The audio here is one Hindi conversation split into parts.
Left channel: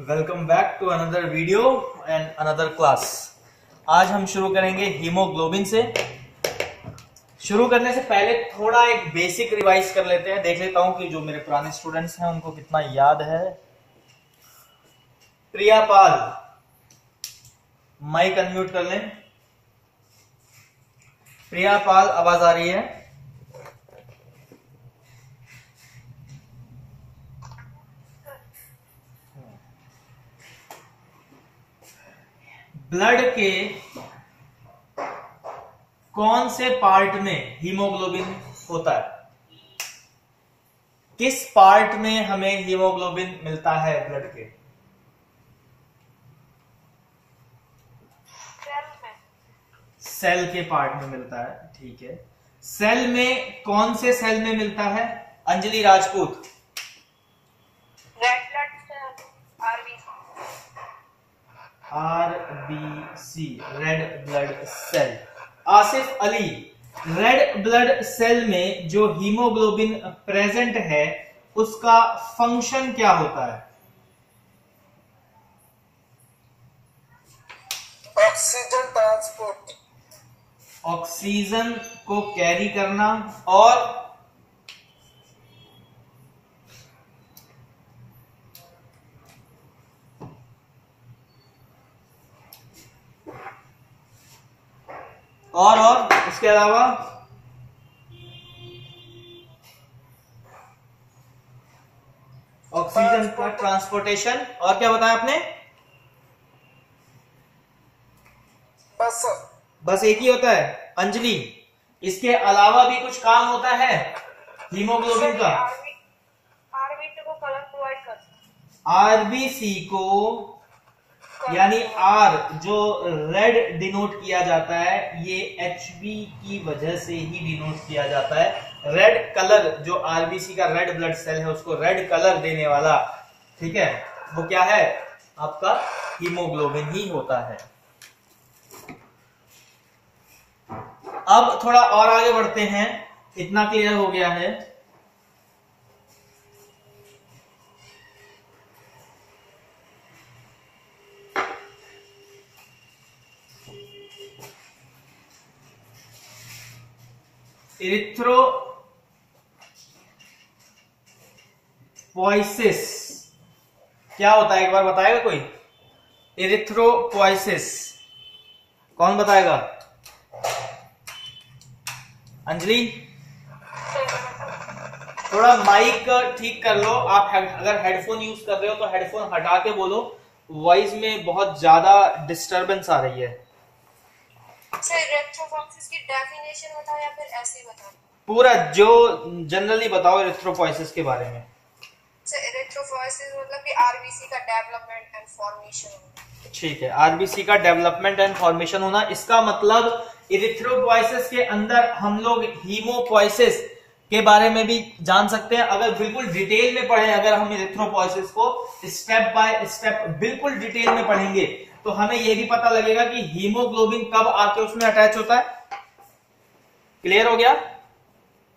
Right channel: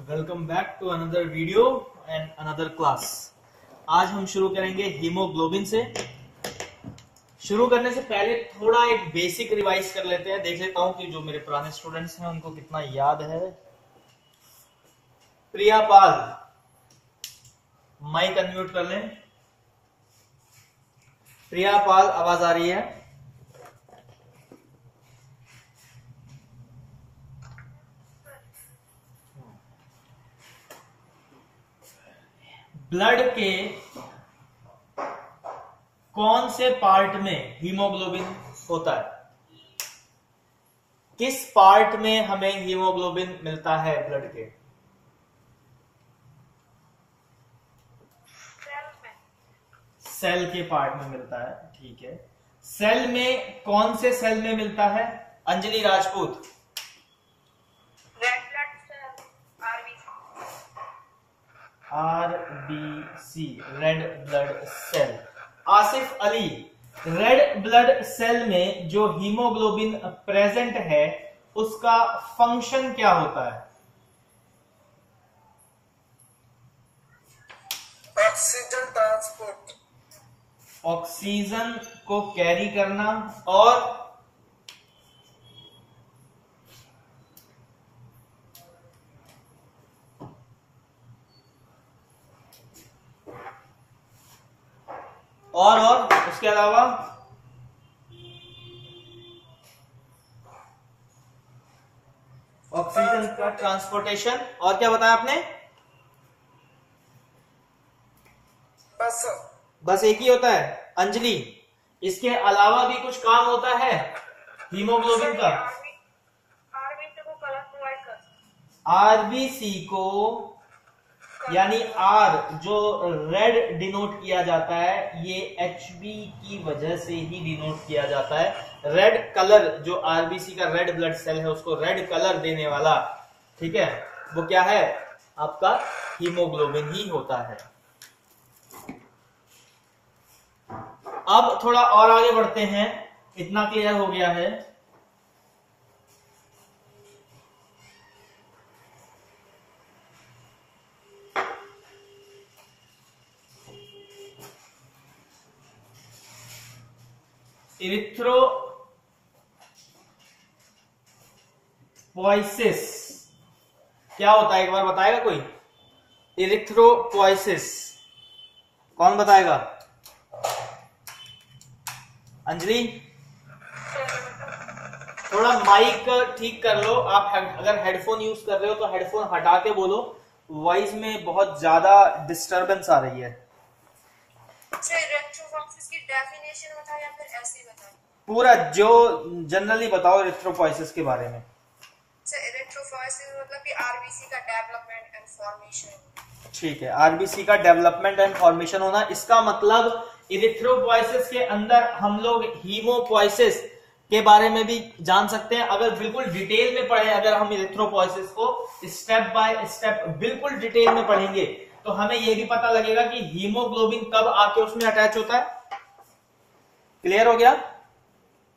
Welcome back to another video and another class. आज हम शुरू करेंगे हीमोग्लोबिन से। शुरू करने से पहले थोड़ा एक बेसिक रिवाइज कर लेते हैं। देख लेता हूं कि जो मेरे पुराने स्टूडेंट्स हैं उनको कितना याद है। प्रिया पाल, माइक अनम्यूट कर लें। प्रिया पाल, आवाज आ रही है? ब्लड के कौन से पार्ट में हीमोग्लोबिन होता है? किस पार्ट में हमें हीमोग्लोबिन मिलता है ब्लड के? सेल के पार्ट में मिलता है। ठीक है, सेल में कौन से सेल में मिलता है? Anjali Rajput. Red blood cell, RBC, red blood cell. Asif Ali, red blood cell में जो हीमोग्लोबिन प्रेजेंट है उसका फंक्शन क्या होता है? ऑक्सीजन ट्रांसपोर्ट, ऑक्सीजन को कैरी करना और इसके अलावा ऑक्सीजन का ट्रांसपोर्टेशन। और क्या बताया आपने? बस एक ही होता है अंजलि? इसके अलावा भी कुछ काम होता है हीमोग्लोबिन का? आरबीसी को कलर प्रोवाइड करता है। आरबीसी को, यानी आर जो रेड डिनोट किया जाता है, ये एचबी की वजह से ही डिनोट किया जाता है। रेड कलर, जो आरबीसी का रेड ब्लड सेल है उसको रेड कलर देने वाला, ठीक है, वो क्या है? आपका हीमोग्लोबिन ही होता है। अब थोड़ा और आगे बढ़ते हैं। इतना क्लियर हो गया है? इरिथ्रोपोइसिस क्या होता है? एक बार बताएगा कोई? इरिथ्रोपोइसिस कौन बताएगा? अंजलि, थोड़ा माइक ठीक कर लो। आप अगर हेडफोन यूज कर रहे हो तो हेडफोन हटा के बोलो, वॉइस में बहुत ज्यादा डिस्टरबेंस आ रही है। सर, इलेक्ट्रोफोरेसिस की डेफिनेशन बताओ या फिर ऐसे ही बताओ? पूरा जो जनरली बताओ इरिथ्रोपोइसिस के बारे में। सर, इलेक्ट्रोफोरेसिस मतलब कि आरबीसी का डेवलपमेंट एंड फॉर्मेशन। ठीक है, आरबीसी का डेवलपमेंट एंड फॉर्मेशन होना। इसका मतलब इरिथ्रोपोइसिस के अंदर हम लोग हीमोपोइसिस के बारे में भी जान सकते हैं। अगर बिल्कुल डिटेल में पढ़ें, अगर हम इरिथ्रोपोइसिस को स्टेप बाय स्टेप बिल्कुल डिटेल में पढ़ेंगे तो हमें यह भी पता लगेगा कि हीमोग्लोबिन कब आके उसमें अटैच होता है। क्लियर हो गया?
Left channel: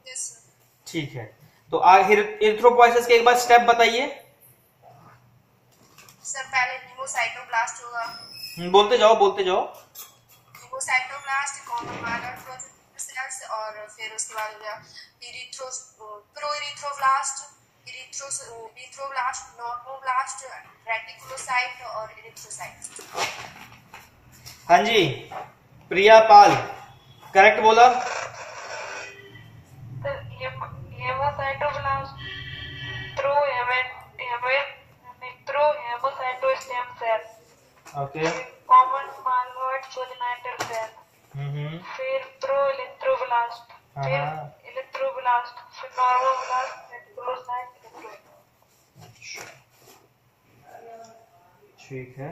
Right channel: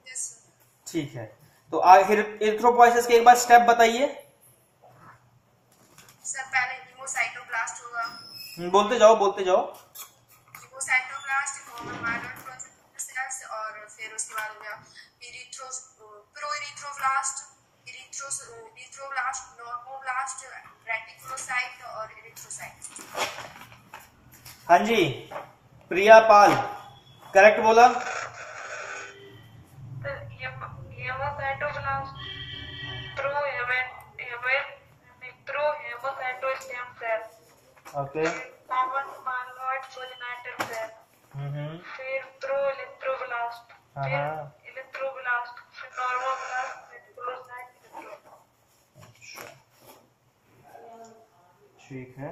Yes sir. ठीक है, तो इरिथ्रोपोइसिस के एक बार स्टेप बताइए। सर, पहले हीमोसाइटोब्लास्ट होगा। बोलते जाओ बोलते जाओ। हीमोसाइटोब्लास्ट, कॉमन माइलर सेल्स, और फिर उसके बाद हो गया प्रोइरिथ्रोब्लास्ट, इरिथ्रोब्लास्ट, नॉर्मोब्लास्ट, रेटिकुलोसाइट और इरिथ्रोसाइट। हाँ जी, प्रिया पाल करेक्ट बोला। हेमोसाइटोब्लास्ट, प्रोहेमोसाइटोस्टेम सेल, ओके, कॉमन माइलॉइड सोलिनाइटल सेल, फिर प्रोइरिथ्रोब्लास्ट, फिर इरिथ्रोब्लास्ट, फिर नॉर्मोब्लास्ट, रेटिकुलोसाइट, ठीक है।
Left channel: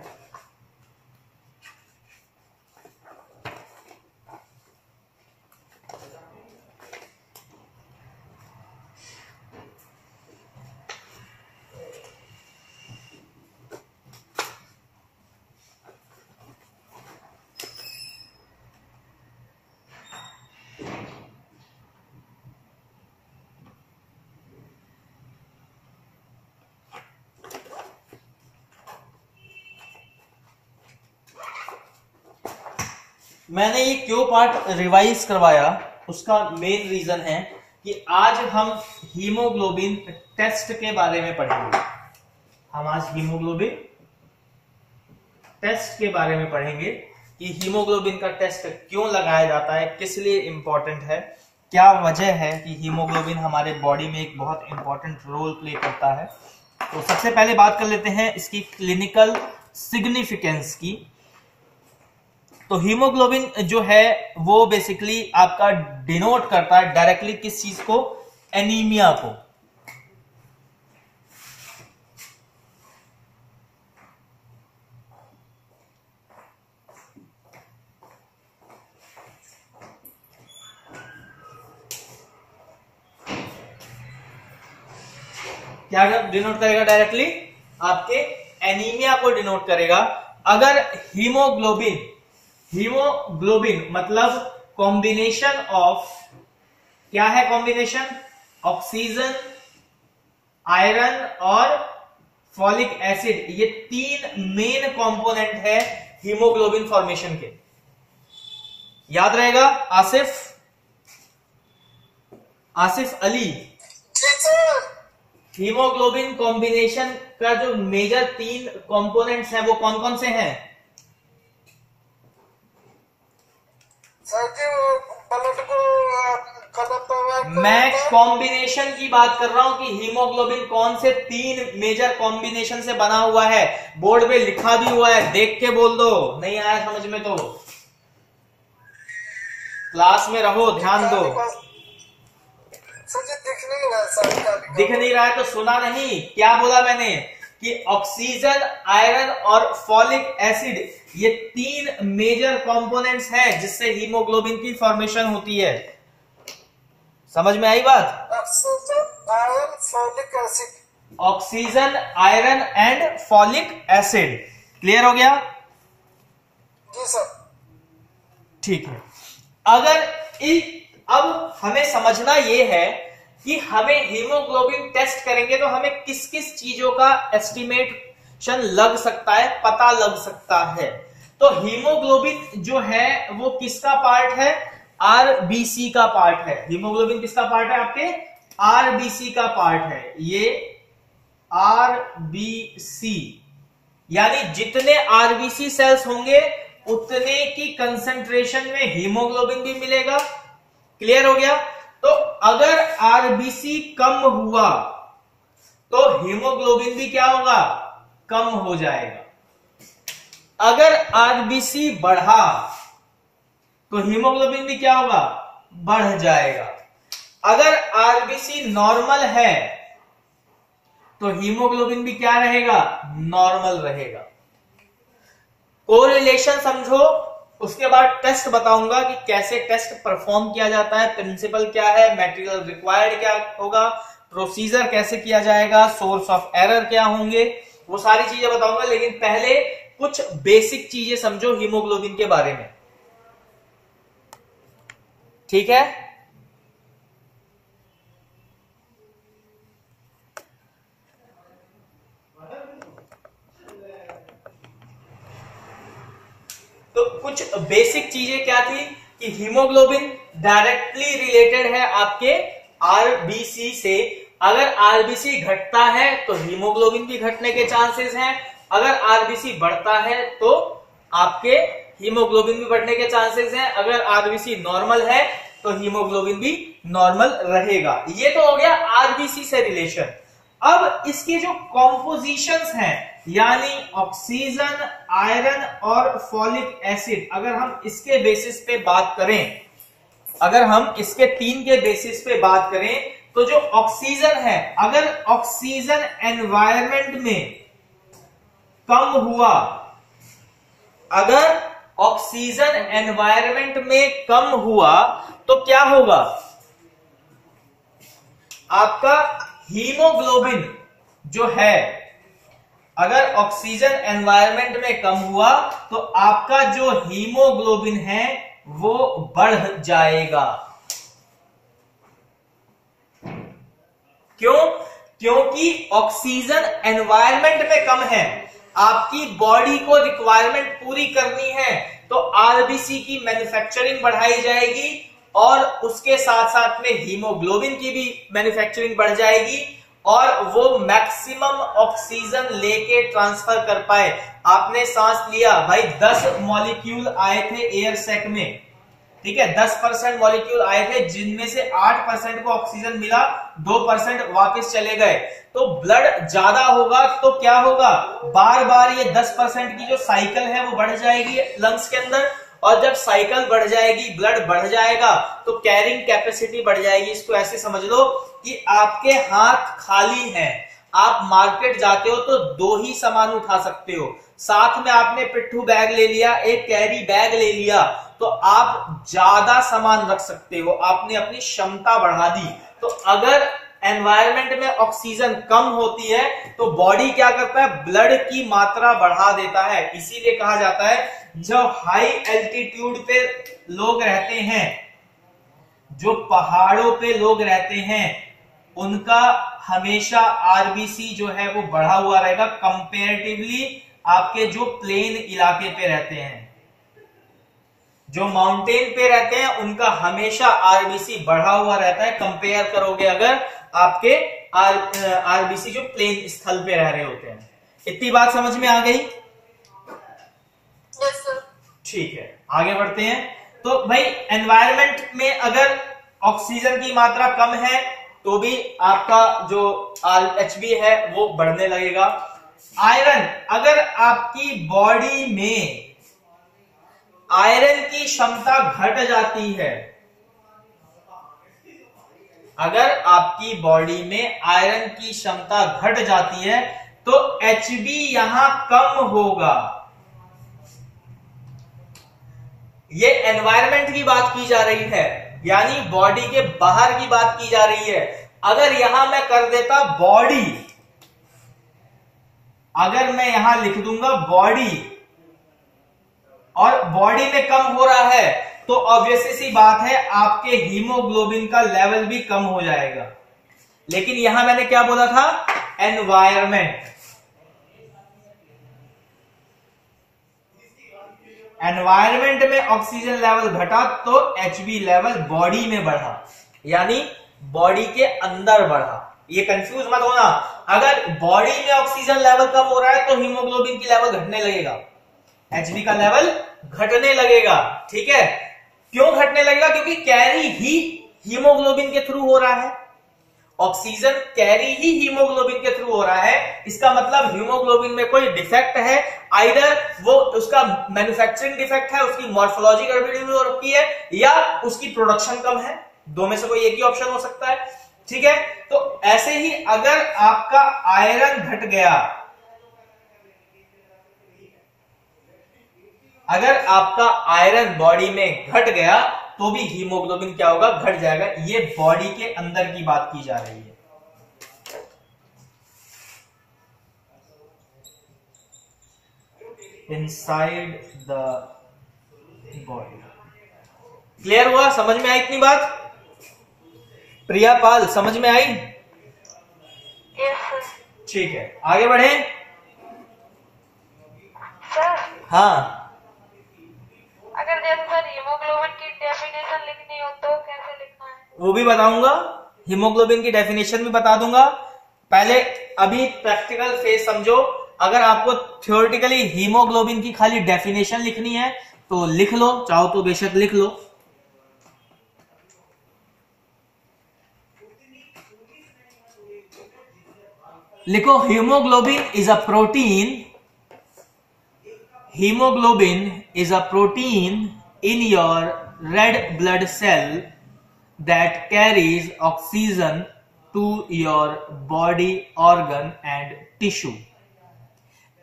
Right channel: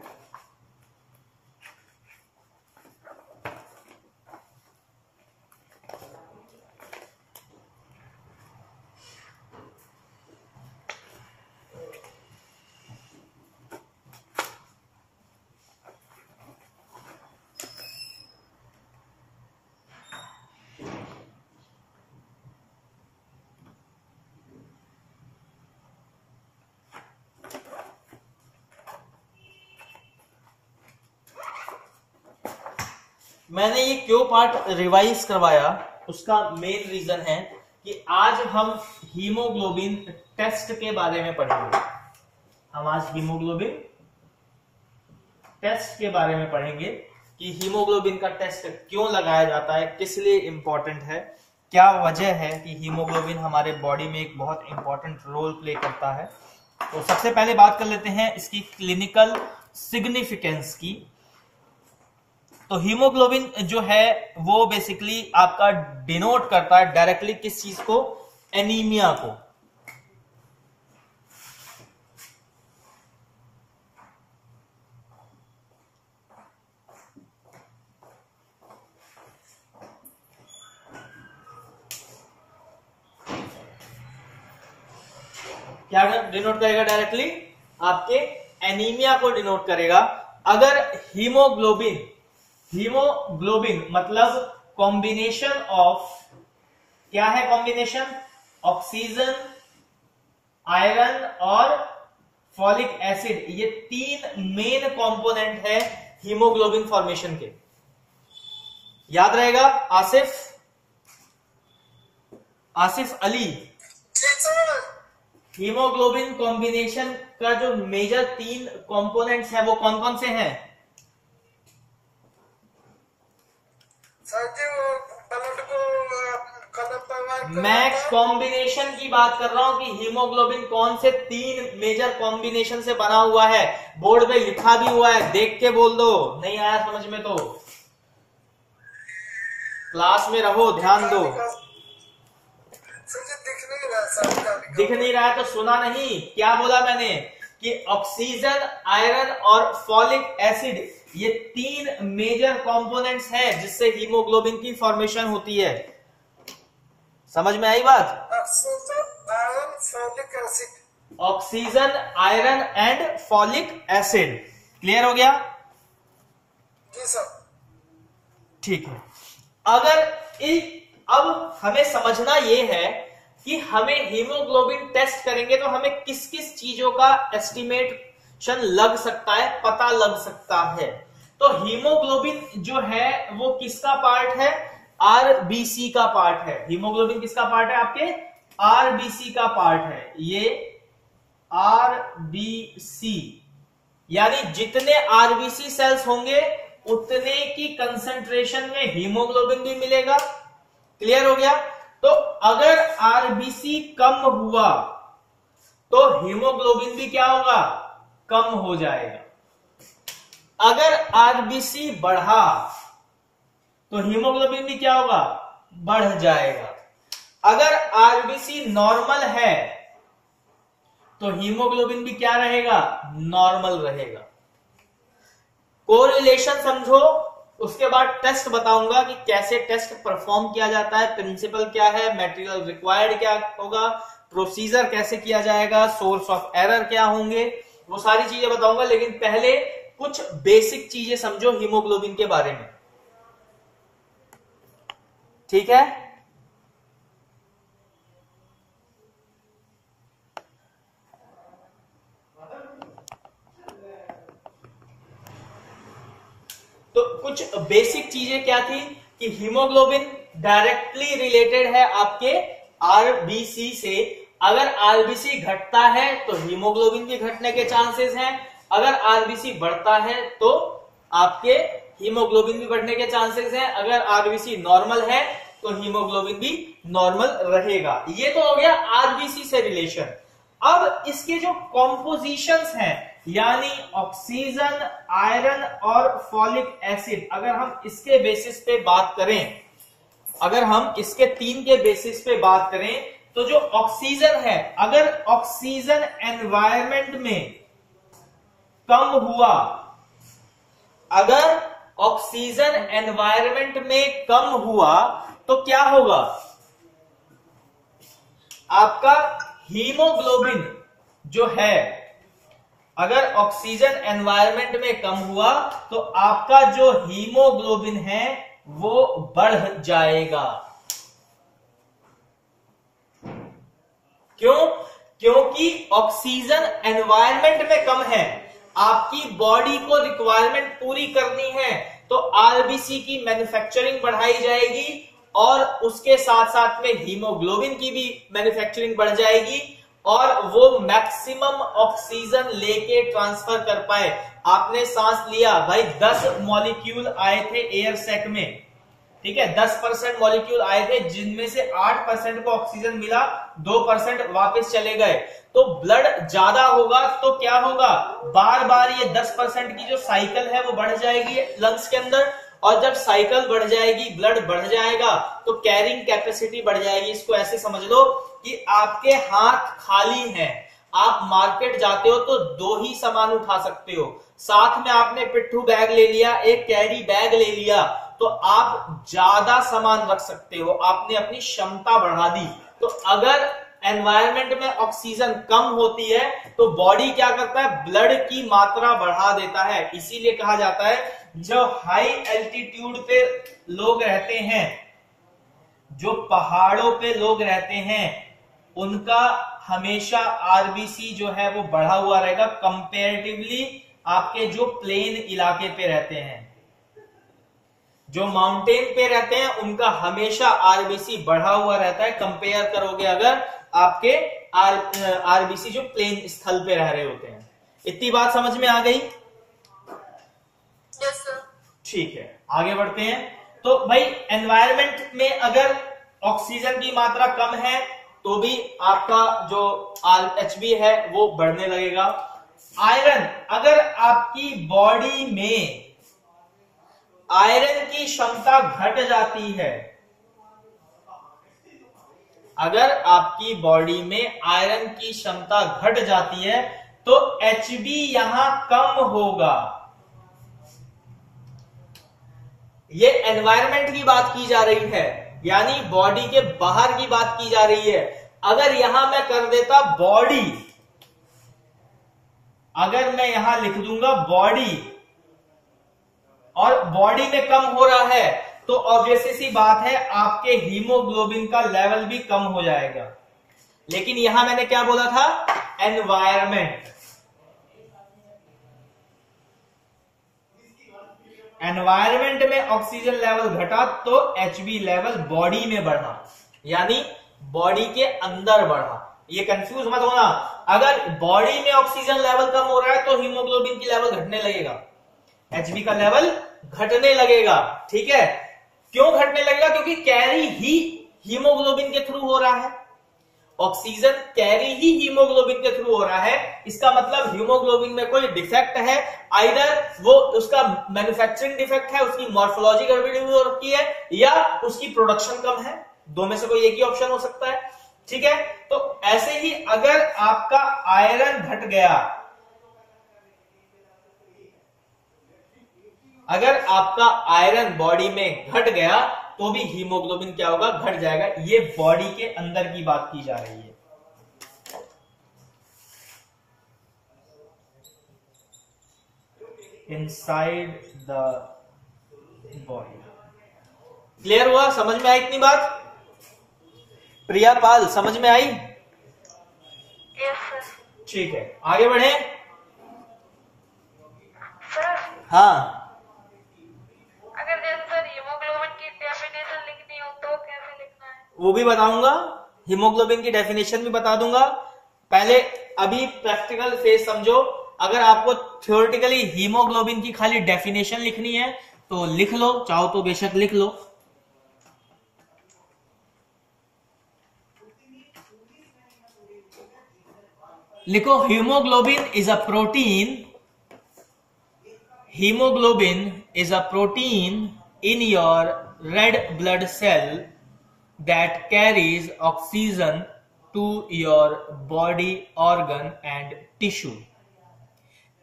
मैंने ये क्यों पार्ट रिवाइज करवाया, उसका मेन रीजन है कि आज हम हीमोग्लोबिन टेस्ट के बारे में पढ़ेंगे। हम आज हीमोग्लोबिन टेस्ट के बारे में पढ़ेंगे कि हीमोग्लोबिन का टेस्ट क्यों लगाया जाता है, किस लिए इंपॉर्टेंट है, क्या वजह है कि हीमोग्लोबिन हमारे बॉडी में एक बहुत इंपॉर्टेंट रोल प्ले करता है। तो सबसे पहले बात कर लेते हैं इसकी क्लिनिकल सिग्निफिकेंस की। तो हीमोग्लोबिन जो है वो बेसिकली आपका डिनोट करता है डायरेक्टली किस चीज को, एनीमिया को। क्या डिनोट करेगा डायरेक्टली, आपके एनीमिया को डिनोट करेगा। अगर हीमोग्लोबिन मतलब कॉम्बिनेशन ऑफ, क्या है कॉम्बिनेशन, ऑक्सीजन, आयरन और फॉलिक एसिड, ये तीन मेन कंपोनेंट है हीमोग्लोबिन फॉर्मेशन के। याद रहेगा आसिफ अली, हीमोग्लोबिन कॉम्बिनेशन का जो मेजर तीन कंपोनेंट्स हैं वो कौन कौन से हैं? मैं कॉम्बिनेशन की बात कर रहा हूं कि हीमोग्लोबिन कौन से तीन मेजर कॉम्बिनेशन से बना हुआ है। बोर्ड पे लिखा भी हुआ है, देख के बोल दो, नहीं आया समझ में तो क्लास में रहो, ध्यान दो। दिख नहीं रहा है तो सुना नहीं, क्या बोला मैंने कि ऑक्सीजन, आयरन और फॉलिक एसिड ये तीन मेजर कंपोनेंट्स हैं जिससे हीमोग्लोबिन की फॉर्मेशन होती है। समझ में आई बात? Oxygen, iron, folic acid. Oxygen, iron and folic acid. Clear हो गया? जी सर। ठीक है। अब हमें समझना यह है कि हमें हीमोग्लोबिन टेस्ट करेंगे तो हमें किस किस चीजों का एस्टिमेशन लग सकता है, पता लग सकता है। तो हीमोग्लोबिन जो है वो किसका पार्ट है? आरबीसी का पार्ट है। हीमोग्लोबिन किसका पार्ट है? आपके आरबीसी का पार्ट है। ये आरबीसी यानी जितने आरबीसी सेल्स होंगे उतने की कंसंट्रेशन में हीमोग्लोबिन भी मिलेगा। क्लियर हो गया? तो अगर आरबीसी कम हुआ तो हीमोग्लोबिन भी क्या होगा? कम हो जाएगा। अगर आरबीसी बढ़ा तो हीमोग्लोबिन भी क्या होगा? बढ़ जाएगा। अगर आरबीसी नॉर्मल है तो हीमोग्लोबिन भी क्या रहेगा? नॉर्मल रहेगा। कोरिलेशन समझो, उसके बाद टेस्ट बताऊंगा कि कैसे टेस्ट परफॉर्म किया जाता है, प्रिंसिपल क्या है, मटेरियल रिक्वायर्ड क्या होगा, प्रोसीजर कैसे किया जाएगा, सोर्स ऑफ एरर क्या होंगे, वो सारी चीजें बताऊंगा। लेकिन पहले कुछ बेसिक चीजें समझो हीमोग्लोबिन के बारे में। ठीक है? तो कुछ बेसिक चीजें क्या थी कि हीमोग्लोबिन डायरेक्टली रिलेटेड है आपके आरबीसी से। अगर आरबीसी घटता है तो हीमोग्लोबिन भी घटने के चांसेस हैं। अगर आरबीसी बढ़ता है तो आपके हीमोग्लोबिन भी बढ़ने के चांसेस हैं। अगर आरबीसी नॉर्मल है तो हीमोग्लोबिन भी नॉर्मल रहेगा। ये तो हो गया आरबीसी से रिलेशन। अब इसके जो कॉम्पोजिशंस हैं यानी ऑक्सीजन, आयरन और फॉलिक एसिड, अगर हम इसके बेसिस पे बात करें, अगर हम इसके तीन के बेसिस पे बात करें तो जो ऑक्सीजन है, अगर ऑक्सीजन एनवायरनमेंट में कम हुआ, अगर ऑक्सीजन एनवायरनमेंट में कम हुआ तो क्या होगा? आपका हीमोग्लोबिन जो है, अगर ऑक्सीजन एनवायरनमेंट में कम हुआ तो आपका जो हीमोग्लोबिन है वो बढ़ जाएगा। क्यों? क्योंकि ऑक्सीजन एनवायरनमेंट में कम है, आपकी बॉडी को रिक्वायरमेंट पूरी करनी है तो आरबीसी की मैन्युफैक्चरिंग बढ़ाई जाएगी और उसके साथ साथ में हीमोग्लोबिन की भी मैन्युफैक्चरिंग बढ़ जाएगी और वो मैक्सिमम ऑक्सीजन लेके ट्रांसफर कर पाए। आपने सांस लिया भाई, 10 मॉलिक्यूल आए थे एयर सैक में, ठीक है, 10% मॉलिक्यूल आए थे जिनमें से 8% को ऑक्सीजन मिला, 2% वापस चले गए। तो ब्लड ज्यादा होगा तो क्या होगा, बार बार ये 10% की जो साइकिल है वो बढ़ जाएगी लंग्स के अंदर, और जब साइकिल बढ़ जाएगी, ब्लड बढ़ जाएगा, तो कैरिंग कैपेसिटी बढ़ जाएगी। इसको ऐसे समझ लो कि आपके हाथ खाली हैं, आप मार्केट जाते हो तो 2 ही सामान उठा सकते हो, साथ में आपने पिट्ठू बैग ले लिया, एक कैरी बैग ले लिया, तो आप ज्यादा सामान रख सकते हो, आपने अपनी क्षमता बढ़ा दी। तो अगर एनवायरनमेंट में ऑक्सीजन कम होती है तो बॉडी क्या करता है, ब्लड की मात्रा बढ़ा देता है। इसीलिए कहा जाता है जो हाई एल्टीट्यूड पे लोग रहते हैं, जो पहाड़ों पे लोग रहते हैं, उनका हमेशा आरबीसी जो है वो बढ़ा हुआ रहेगा कंपेरेटिवली आपके जो प्लेन इलाके पे रहते हैं। जो माउंटेन पे रहते हैं उनका हमेशा आरबीसी बढ़ा हुआ रहता है, कंपेयर करोगे अगर आपके आरबीसी जो प्लेन स्थल पे रह रहे होते हैं। इतनी बात समझ में आ गई? Yes sir. ठीक है, आगे बढ़ते हैं। तो भाई एनवायरनमेंट में अगर ऑक्सीजन की मात्रा कम है तो भी आपका जो एचबी है वो बढ़ने लगेगा। आयरन, अगर आपकी बॉडी में आयरन की क्षमता घट जाती है, अगर आपकी बॉडी में आयरन की क्षमता घट जाती है तो एचबी यहां कम होगा। ये एनवायरनमेंट की बात की जा रही है, यानी बॉडी के बाहर की बात की जा रही है। अगर यहां मैं कर देता बॉडी, अगर मैं यहां लिख दूंगा बॉडी और बॉडी में कम हो रहा है तो ऑब्वियस सी बात है आपके हीमोग्लोबिन का लेवल भी कम हो जाएगा। लेकिन यहां मैंने क्या बोला था, एनवायरनमेंट, एनवायरनमेंट में ऑक्सीजन लेवल घटा तो एचबी लेवल बॉडी में बढ़ा, यानी बॉडी के अंदर बढ़ा। ये कंफ्यूज मत होना, अगर बॉडी में ऑक्सीजन लेवल कम हो रहा है तो हीमोग्लोबिन की लेवल घटने लगेगा, एचबी का लेवल घटने लगेगा। ठीक है, क्यों घटने लगेगा, क्योंकि कैरी ही हीमोग्लोबिन के थ्रू हो रहा है, ऑक्सीजन कैरी ही हीमोग्लोबिन के थ्रू हो रहा है। इसका मतलब हीमोग्लोबिन में कोई डिफेक्ट है, आइदर वो उसका मैन्युफैक्चरिंग डिफेक्ट है, उसकी मॉर्फोलॉजी गड़बड़ी हो रखी है, या उसकी प्रोडक्शन कम है, दो में से कोई एक ही ऑप्शन हो सकता है। ठीक है, तो ऐसे ही अगर आपका आयरन घट गया, अगर आपका आयरन बॉडी में घट गया तो भी हीमोग्लोबिन क्या होगा, घट जाएगा। ये बॉडी के अंदर की बात की जा रही है। Inside the body. क्लियर हुआ, समझ में आई इतनी बात? प्रिया पाल, समझ में आई? Yes sir. ठीक है, आगे बढ़े। सर हाँ, अगर जैसे सर हीमोग्लोबिन की डेफिनेशन लिखनी हो तो कैसे लिखना है? वो भी बताऊंगा, हीमोग्लोबिन की डेफिनेशन भी बता दूंगा। पहले अभी प्रैक्टिकल फेज समझो। अगर आपको थ्योरेटिकली हीमोग्लोबिन की खाली डेफिनेशन लिखनी है तो लिख लो, चाहो तो बेशक लिख लो। लिखो, haemoglobin is a protein, hemoglobin is a protein in your red blood cell that carries oxygen to your body organ and tissue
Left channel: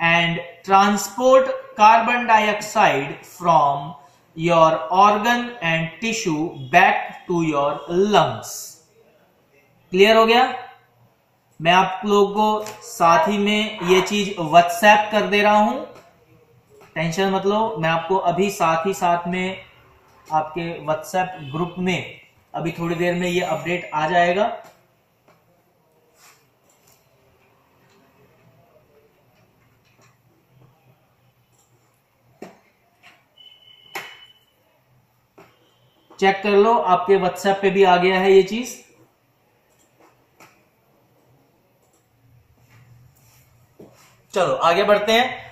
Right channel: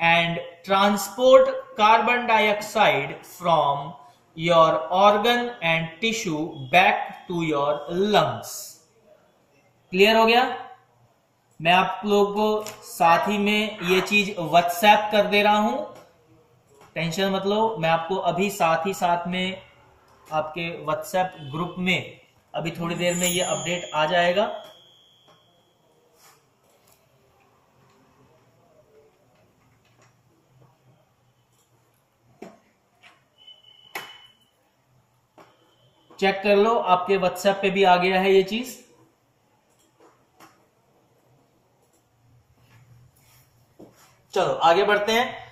and transport carbon dioxide from your organ and tissue back to your lungs. Clear हो गया? मैं आप लोगों को साथ ही में ये चीज व्हाट्सएप कर दे रहा हूं, टेंशन मत लो। मैं आपको अभी साथ ही साथ में आपके व्हाट्सएप ग्रुप में अभी थोड़ी देर में ये अपडेट आ जाएगा। चेक कर लो, आपके व्हाट्सएप पे भी आ गया है ये चीज। चलो आगे बढ़ते हैं।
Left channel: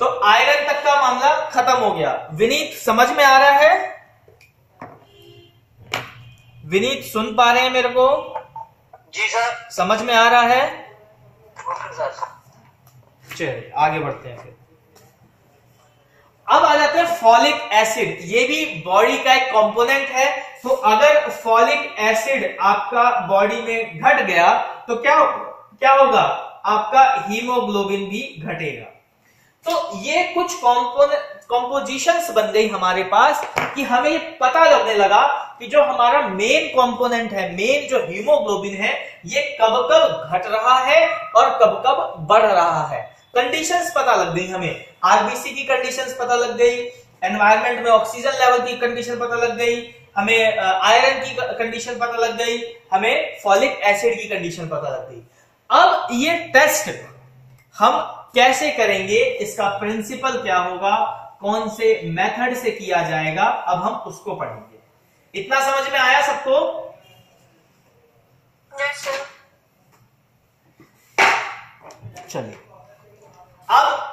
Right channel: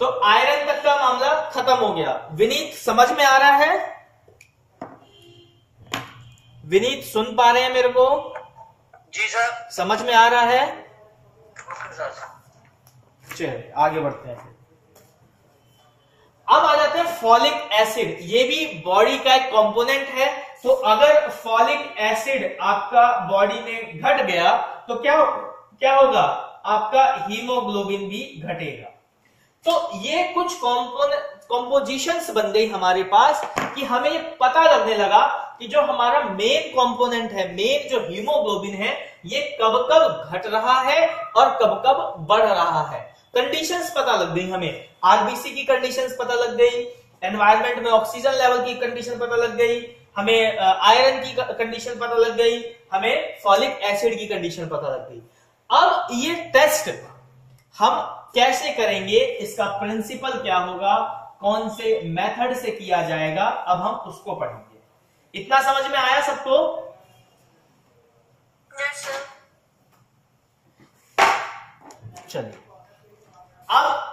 तो आयरन तक का मामला खत्म हो गया। विनीत समझ में आ रहा है? विनीत सुन पा रहे हैं मेरे को? जी सर। समझ में आ रहा है? Okay sir. चलिए आगे बढ़ते हैं फिर। अब आ जाते हैं फॉलिक एसिड। ये भी बॉडी का एक कंपोनेंट है। तो अगर फॉलिक एसिड आपका बॉडी में घट गया तो क्या होगा? आपका हीमोग्लोबिन भी घटेगा। तो ये कुछ कंपोजिशंस बन गई हमारे पास कि हमें ये पता लगने लगा कि जो हमारा मेन कंपोनेंट है, मेन जो हीमोग्लोबिन है, ये कब कब घट रहा है और कब कब बढ़ रहा है। कंडीशंस पता लग गई हमें, आरबीसी की कंडीशंस पता लग गई, एनवायरनमेंट में ऑक्सीजन लेवल की कंडीशन पता लग गई, हमें आयरन की कंडीशन पता लग गई, हमें फॉलिक एसिड की कंडीशन पता लग गई। अब ये टेस्ट हम कैसे करेंगे, इसका प्रिंसिपल क्या होगा, कौन से मेथड से किया जाएगा, अब हम उसको पढ़ेंगे। इतना समझ में आया सबको? Yes sir. चलिए, अब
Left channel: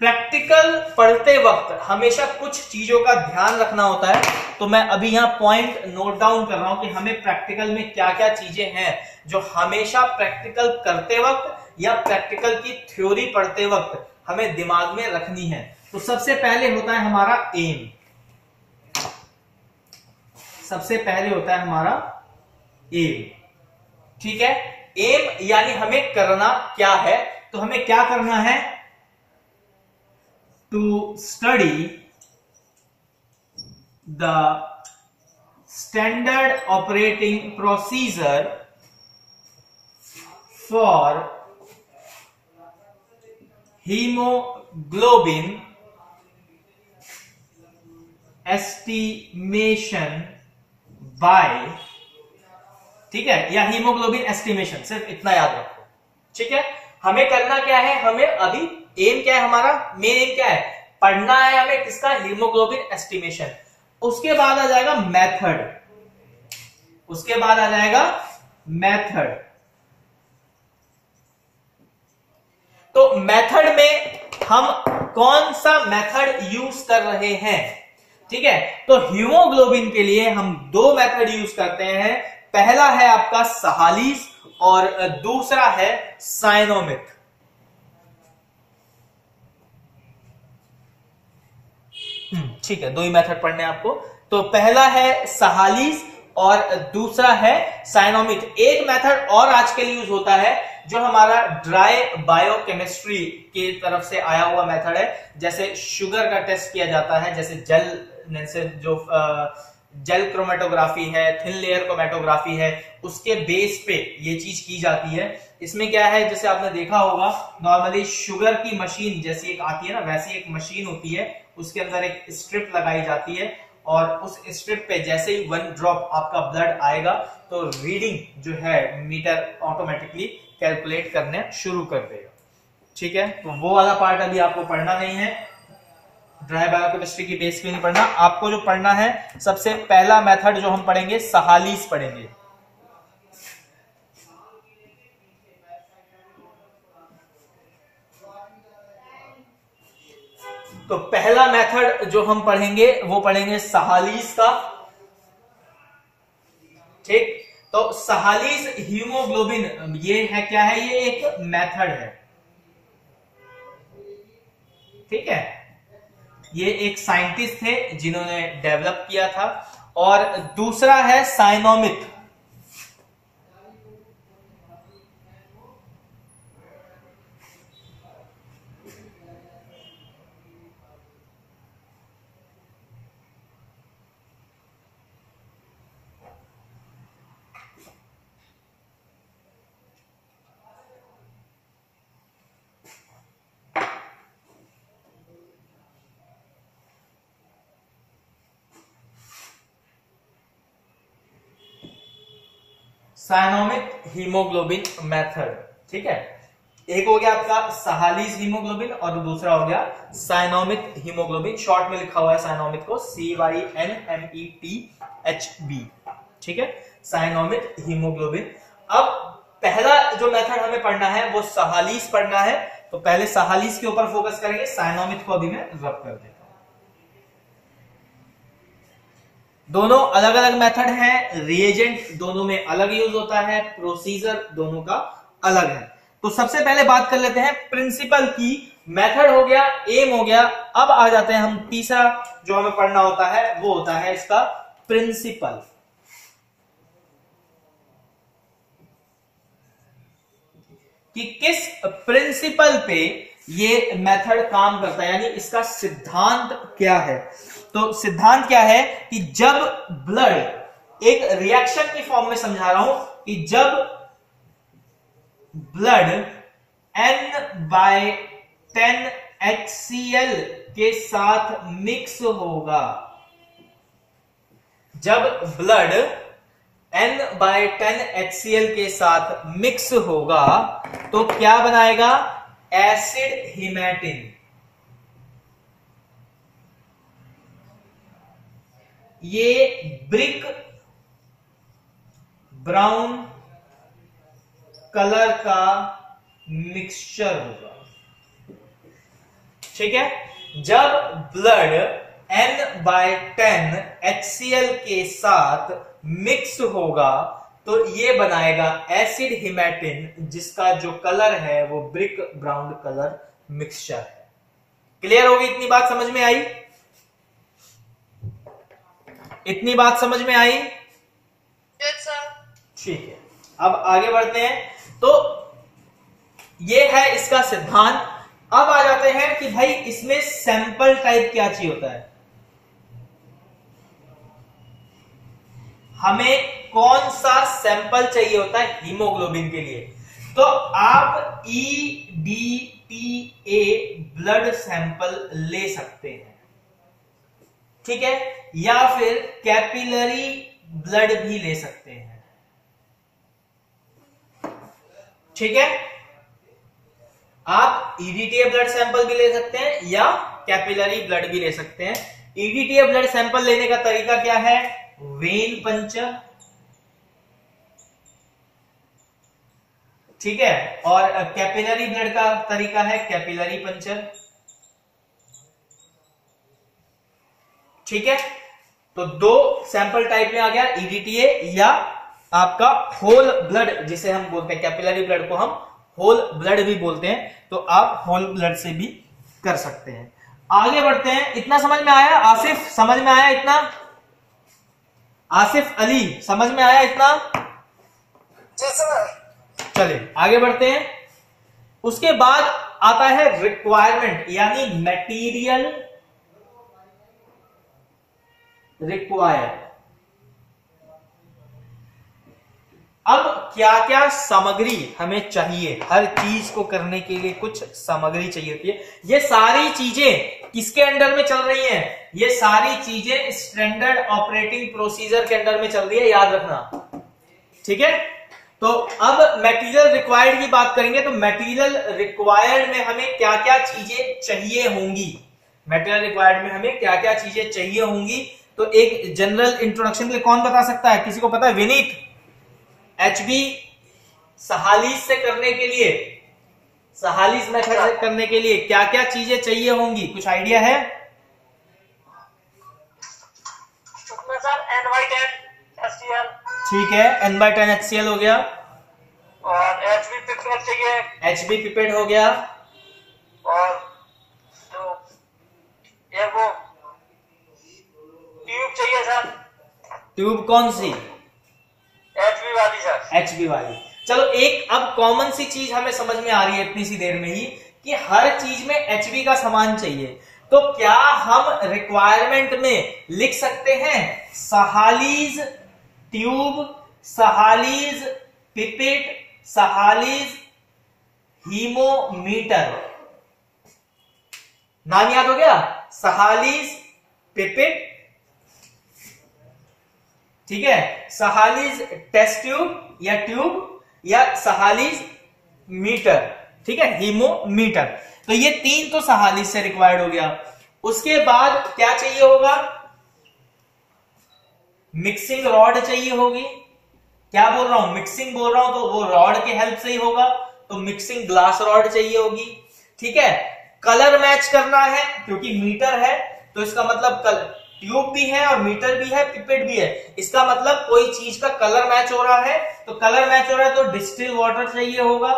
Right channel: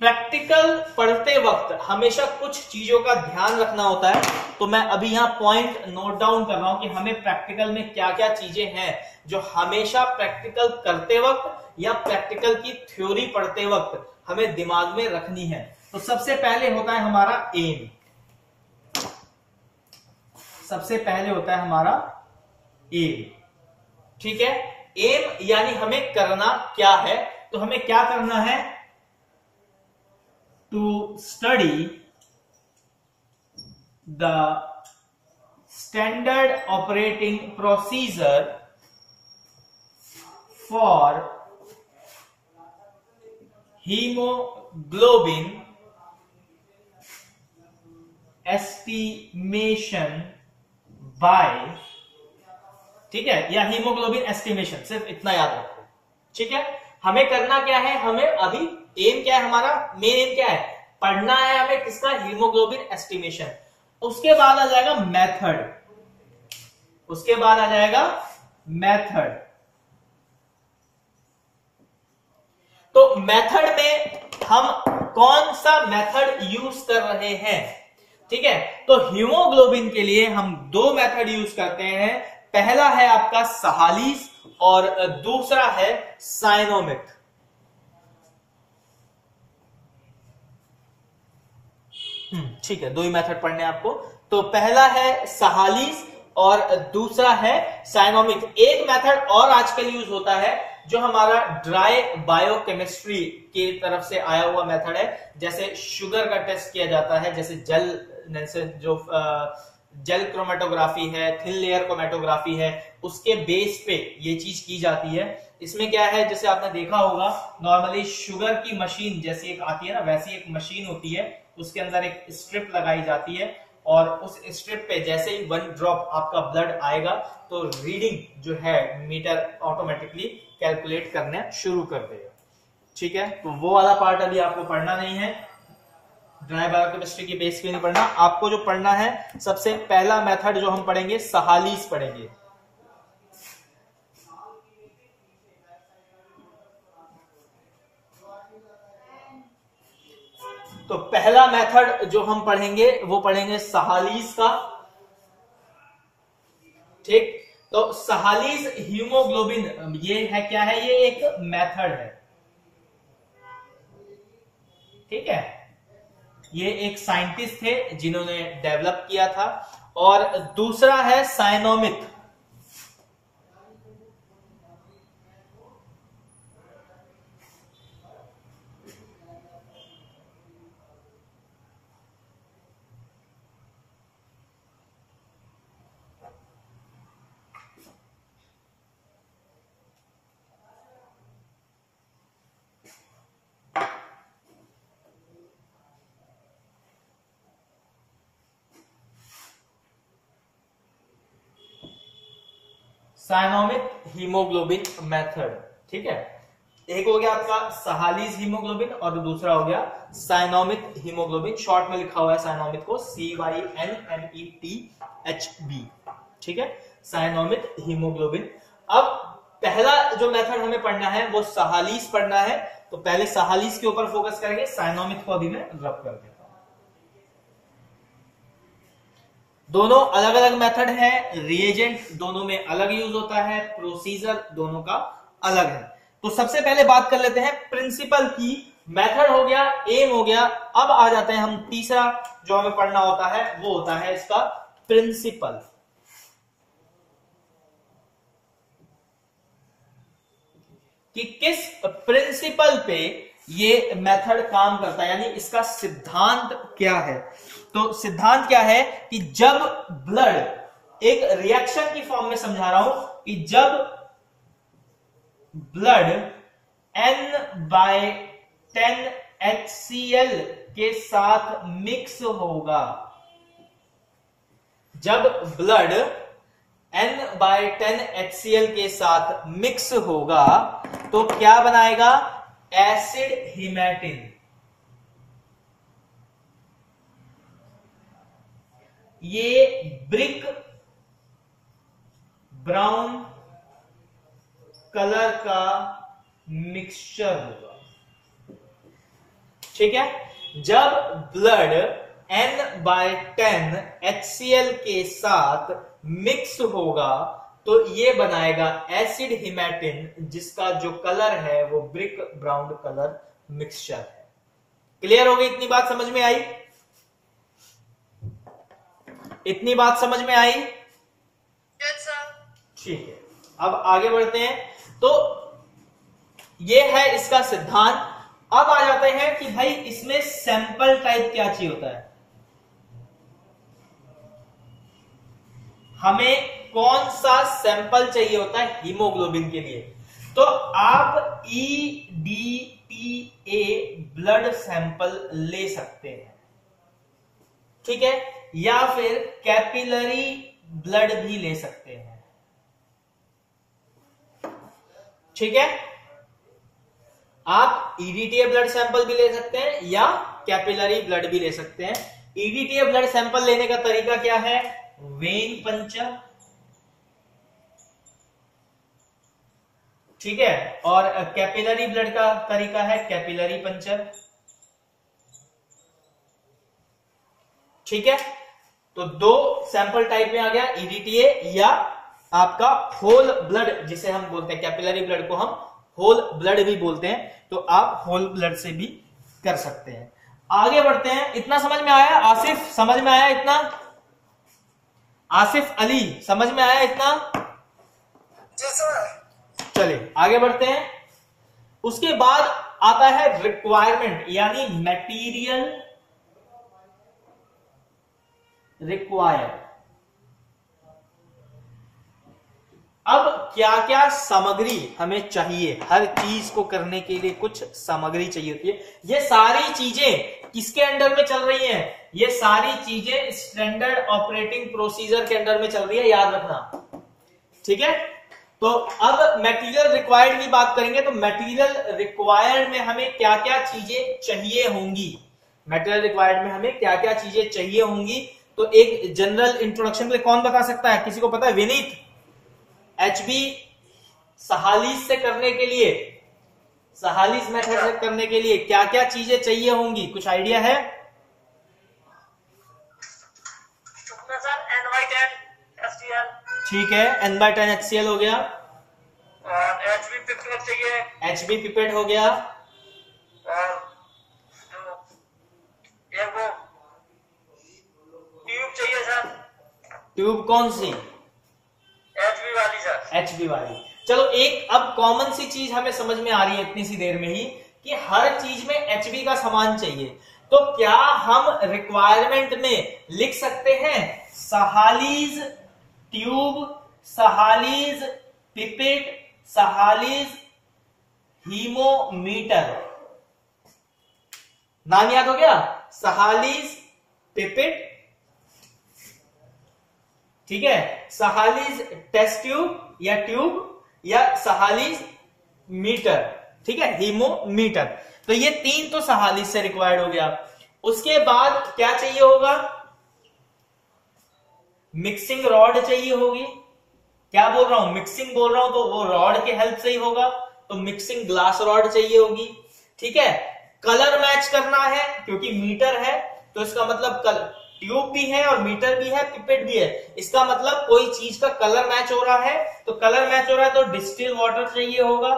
प्रैक्टिकल पढ़ते वक्त हमेशा कुछ चीजों का ध्यान रखना होता है। तो मैं अभी यहां पॉइंट नोट डाउन कर रहा हूं कि हमें प्रैक्टिकल में क्या क्या चीजें हैं जो हमेशा प्रैक्टिकल करते वक्त या प्रैक्टिकल की थ्योरी पढ़ते वक्त हमें दिमाग में रखनी है। तो सबसे पहले होता है हमारा एम। सबसे पहले होता है हमारा एम। ठीक है, एम यानी हमें करना क्या है। तो हमें क्या करना है? To study the standard operating procedure for haemoglobin estimation by, ठीक है, या हीमोग्लोबिन एस्टिमेशन, सिर्फ इतना याद रखो। ठीक है, हमें करना क्या है? हमें अभी एम क्या है हमारा? मेन एम क्या है? पढ़ना है हमें किसका? Haemoglobin estimation. उसके बाद आ जाएगा मेथड, उसके बाद आ जाएगा मेथड। तो मेथड में हम कौन सा मेथड यूज कर रहे हैं? ठीक है, तो हीमोग्लोबिन के लिए हम दो मेथड यूज करते हैं। पहला है आपका सहालीस और दूसरा है साइनोमिक। ठीक है, दो ही मेथड पढ़ने हैं आपको। तो पहला है सहालीस और दूसरा है साइनोमिक। एक मेथड और आजकल यूज होता है जो हमारा ड्राई बायोकेमिस्ट्री की तरफ से आया हुआ मेथड है। जैसे शुगर का टेस्ट किया जाता है, जैसे जेल क्रोमेटोग्राफी है, थिन लेयर क्रोमेटोग्राफी है, उसके बेस पे ये चीज की जाती है। इसमें क्या है, जैसे आपने देखा होगा नॉर्मली शुगर की मशीन जैसी एक आती है ना, वैसी एक मशीन होती है, उसके अंदर एक स्ट्रिप लगाई जाती है और उस स्ट्रिप पे जैसे ही 1 ड्रॉप आपका ब्लड आएगा तो रीडिंग जो है मीटर ऑटोमेटिकली कैलकुलेट करने शुरू कर देगा। ठीक है, तो वो वाला पार्ट अभी आपको पढ़ना नहीं है, ड्राई बायोकेमिस्ट्री की बेस पे नहीं पढ़ना। आपको जो पढ़ना है, सबसे पहला मेथड जो हम पढ़ेंगे सहालीस पढ़ेंगे। तो पहला मेथड जो हम पढ़ेंगे वो पढ़ेंगे सहालीस का। ठीक, तो सहालीस हीमोग्लोबिन ये है, क्या है? ये एक मेथड है। ठीक है, ये एक साइंटिस्ट थे जिन्होंने डेवलप किया था। और दूसरा है साइनोमिक। साइनोमिक हीमोग्लोबिन मेथड। ठीक है, एक हो गया आपका सहालीज हीमोग्लोबिन और दूसरा हो गया साइनोमिक हीमोग्लोबिन। शॉर्ट में लिखा हुआ है साइनोमिक को CYNMETHB, ठीक है, साइनोमिक हीमोग्लोबिन। अब पहला जो मेथड हमें पढ़ना है वो सहालीज पढ़ना है, तो पहले सहालीज के ऊपर फोकस करेंगे। साइनोमिक को अभी मैं रब कर देता हूं। दोनों अलग अलग मेथड हैं, रिएजेंट दोनों में अलग यूज होता है, प्रोसीजर दोनों का अलग है। तो सबसे पहले बात कर लेते हैं प्रिंसिपल की। मेथड हो गया, एम हो गया, अब आ जाते हैं हम तीसरा जो हमें पढ़ना होता है वो होता है इसका प्रिंसिपल। कि किस प्रिंसिपल पे ये मेथड काम करता है, यानी इसका सिद्धांत क्या है। तो सिद्धांत क्या है कि जब ब्लड, एक रिएक्शन की फॉर्म में समझा रहा हूं, कि जब ब्लड N/10 HCl के साथ मिक्स होगा, जब ब्लड N/10 HCl के साथ मिक्स होगा तो क्या बनाएगा, एसिड हिमैटिन। ये ब्रिक ब्राउन कलर का मिक्सचर होगा, ठीक है। जब ब्लड N/10 HCl के साथ मिक्स होगा तो ये बनाएगा एसिड हिमैटिन, जिसका जो कलर है वो ब्रिक ब्राउन कलर मिक्सचर है। क्लियर होगी? इतनी बात समझ में आई? इतनी बात समझ में आई? ठीक है, अब आगे बढ़ते हैं। तो ये है इसका सिद्धांत। अब आ जाते हैं कि भाई इसमें सैंपल टाइप क्या चाहिए होता है, हमें कौन सा सैंपल चाहिए होता है हीमोग्लोबिन के लिए। तो आप EDTA ब्लड सैंपल ले सकते हैं, ठीक है, या फिर कैपिलरी ब्लड भी ले सकते हैं, ठीक है। आप EDTA ब्लड सैंपल भी ले सकते हैं या कैपिलरी ब्लड भी ले सकते हैं। EDTA ब्लड सैंपल लेने का तरीका क्या है, वेन पंचर, ठीक है, और कैपिलरी ब्लड का तरीका है कैपिलरी पंचर, ठीक है। तो दो सैंपल टाइप में आ गया, EDTA या आपका होल ब्लड, जिसे हम बोलते हैं कैपिलरी ब्लड को हम होल ब्लड भी बोलते हैं, तो आप होल ब्लड से भी कर सकते हैं। आगे बढ़ते हैं। इतना समझ में आया? आसिफ समझ में आया इतना? आसिफ अली समझ में आया इतना? जी सर। चलिए आगे बढ़ते हैं। उसके बाद आता है रिक्वायरमेंट, यानी मटेरियल रिक्वायर्ड। अब क्या क्या सामग्री हमें चाहिए, हर चीज को करने के लिए कुछ सामग्री चाहिए होती है। ये सारी चीजें किसके अंडर में चल रही हैं, ये सारी चीजें स्टैंडर्ड ऑपरेटिंग प्रोसीजर के अंडर में चल रही है, याद रखना, ठीक है। तो अब मटेरियल रिक्वायर्ड की बात करेंगे। तो मटेरियल रिक्वायर्ड में हमें क्या क्या चीजें चाहिए होंगी, मटेरियल रिक्वायर्ड में हमें क्या क्या चीजें चाहिए होंगी। तो एक जनरल इंट्रोडक्शन के लिए कौन बता सकता है, किसी को पता है? विनीत, HB सहालीज से करने के लिए, सहालीज मेथड से करने के लिए क्या क्या चीजें चाहिए होंगी, कुछ आइडिया है? सर N/10 HCl, ठीक है, N/10 HCl हो गया, और HB पिपेट चाहिए, HB पिपेट हो गया, और जो एक वो ट्यूब चाहिए सर। ट्यूब कौन सी? HB वाली सर। HB वाली। चलो एक अब कॉमन सी चीज हमें समझ में आ रही है इतनी सी देर में ही, कि हर चीज में HB का सामान चाहिए। तो क्या हम रिक्वायरमेंट में लिख सकते हैं सहालीज ट्यूब, सहालीज पिपेट, सहालीज हीमोमीटर? नाम याद हो गया, सहालीज पिपेट, ठीक है, सहालीज टेस्ट ट्यूब या ट्यूब, या सहालीज मीटर, ठीक है, हीमोमीटर। तो ये 3 तो सहालिस से रिक्वायर्ड हो गया। उसके बाद क्या चाहिए होगा, मिक्सिंग रॉड चाहिए होगी। क्या बोल रहा हूं, मिक्सिंग बोल रहा हूं, तो वो रॉड के हेल्प से ही होगा, तो मिक्सिंग ग्लास रॉड चाहिए होगी। ठीक है, कलर मैच करना है क्योंकि मीटर है, तो इसका मतलब ट्यूब भी है और मीटर भी है, पिपेट भी है, इसका मतलब कोई चीज का कलर मैच हो रहा है। तो कलर मैच हो रहा है तो डिस्टिल वाटर चाहिए होगा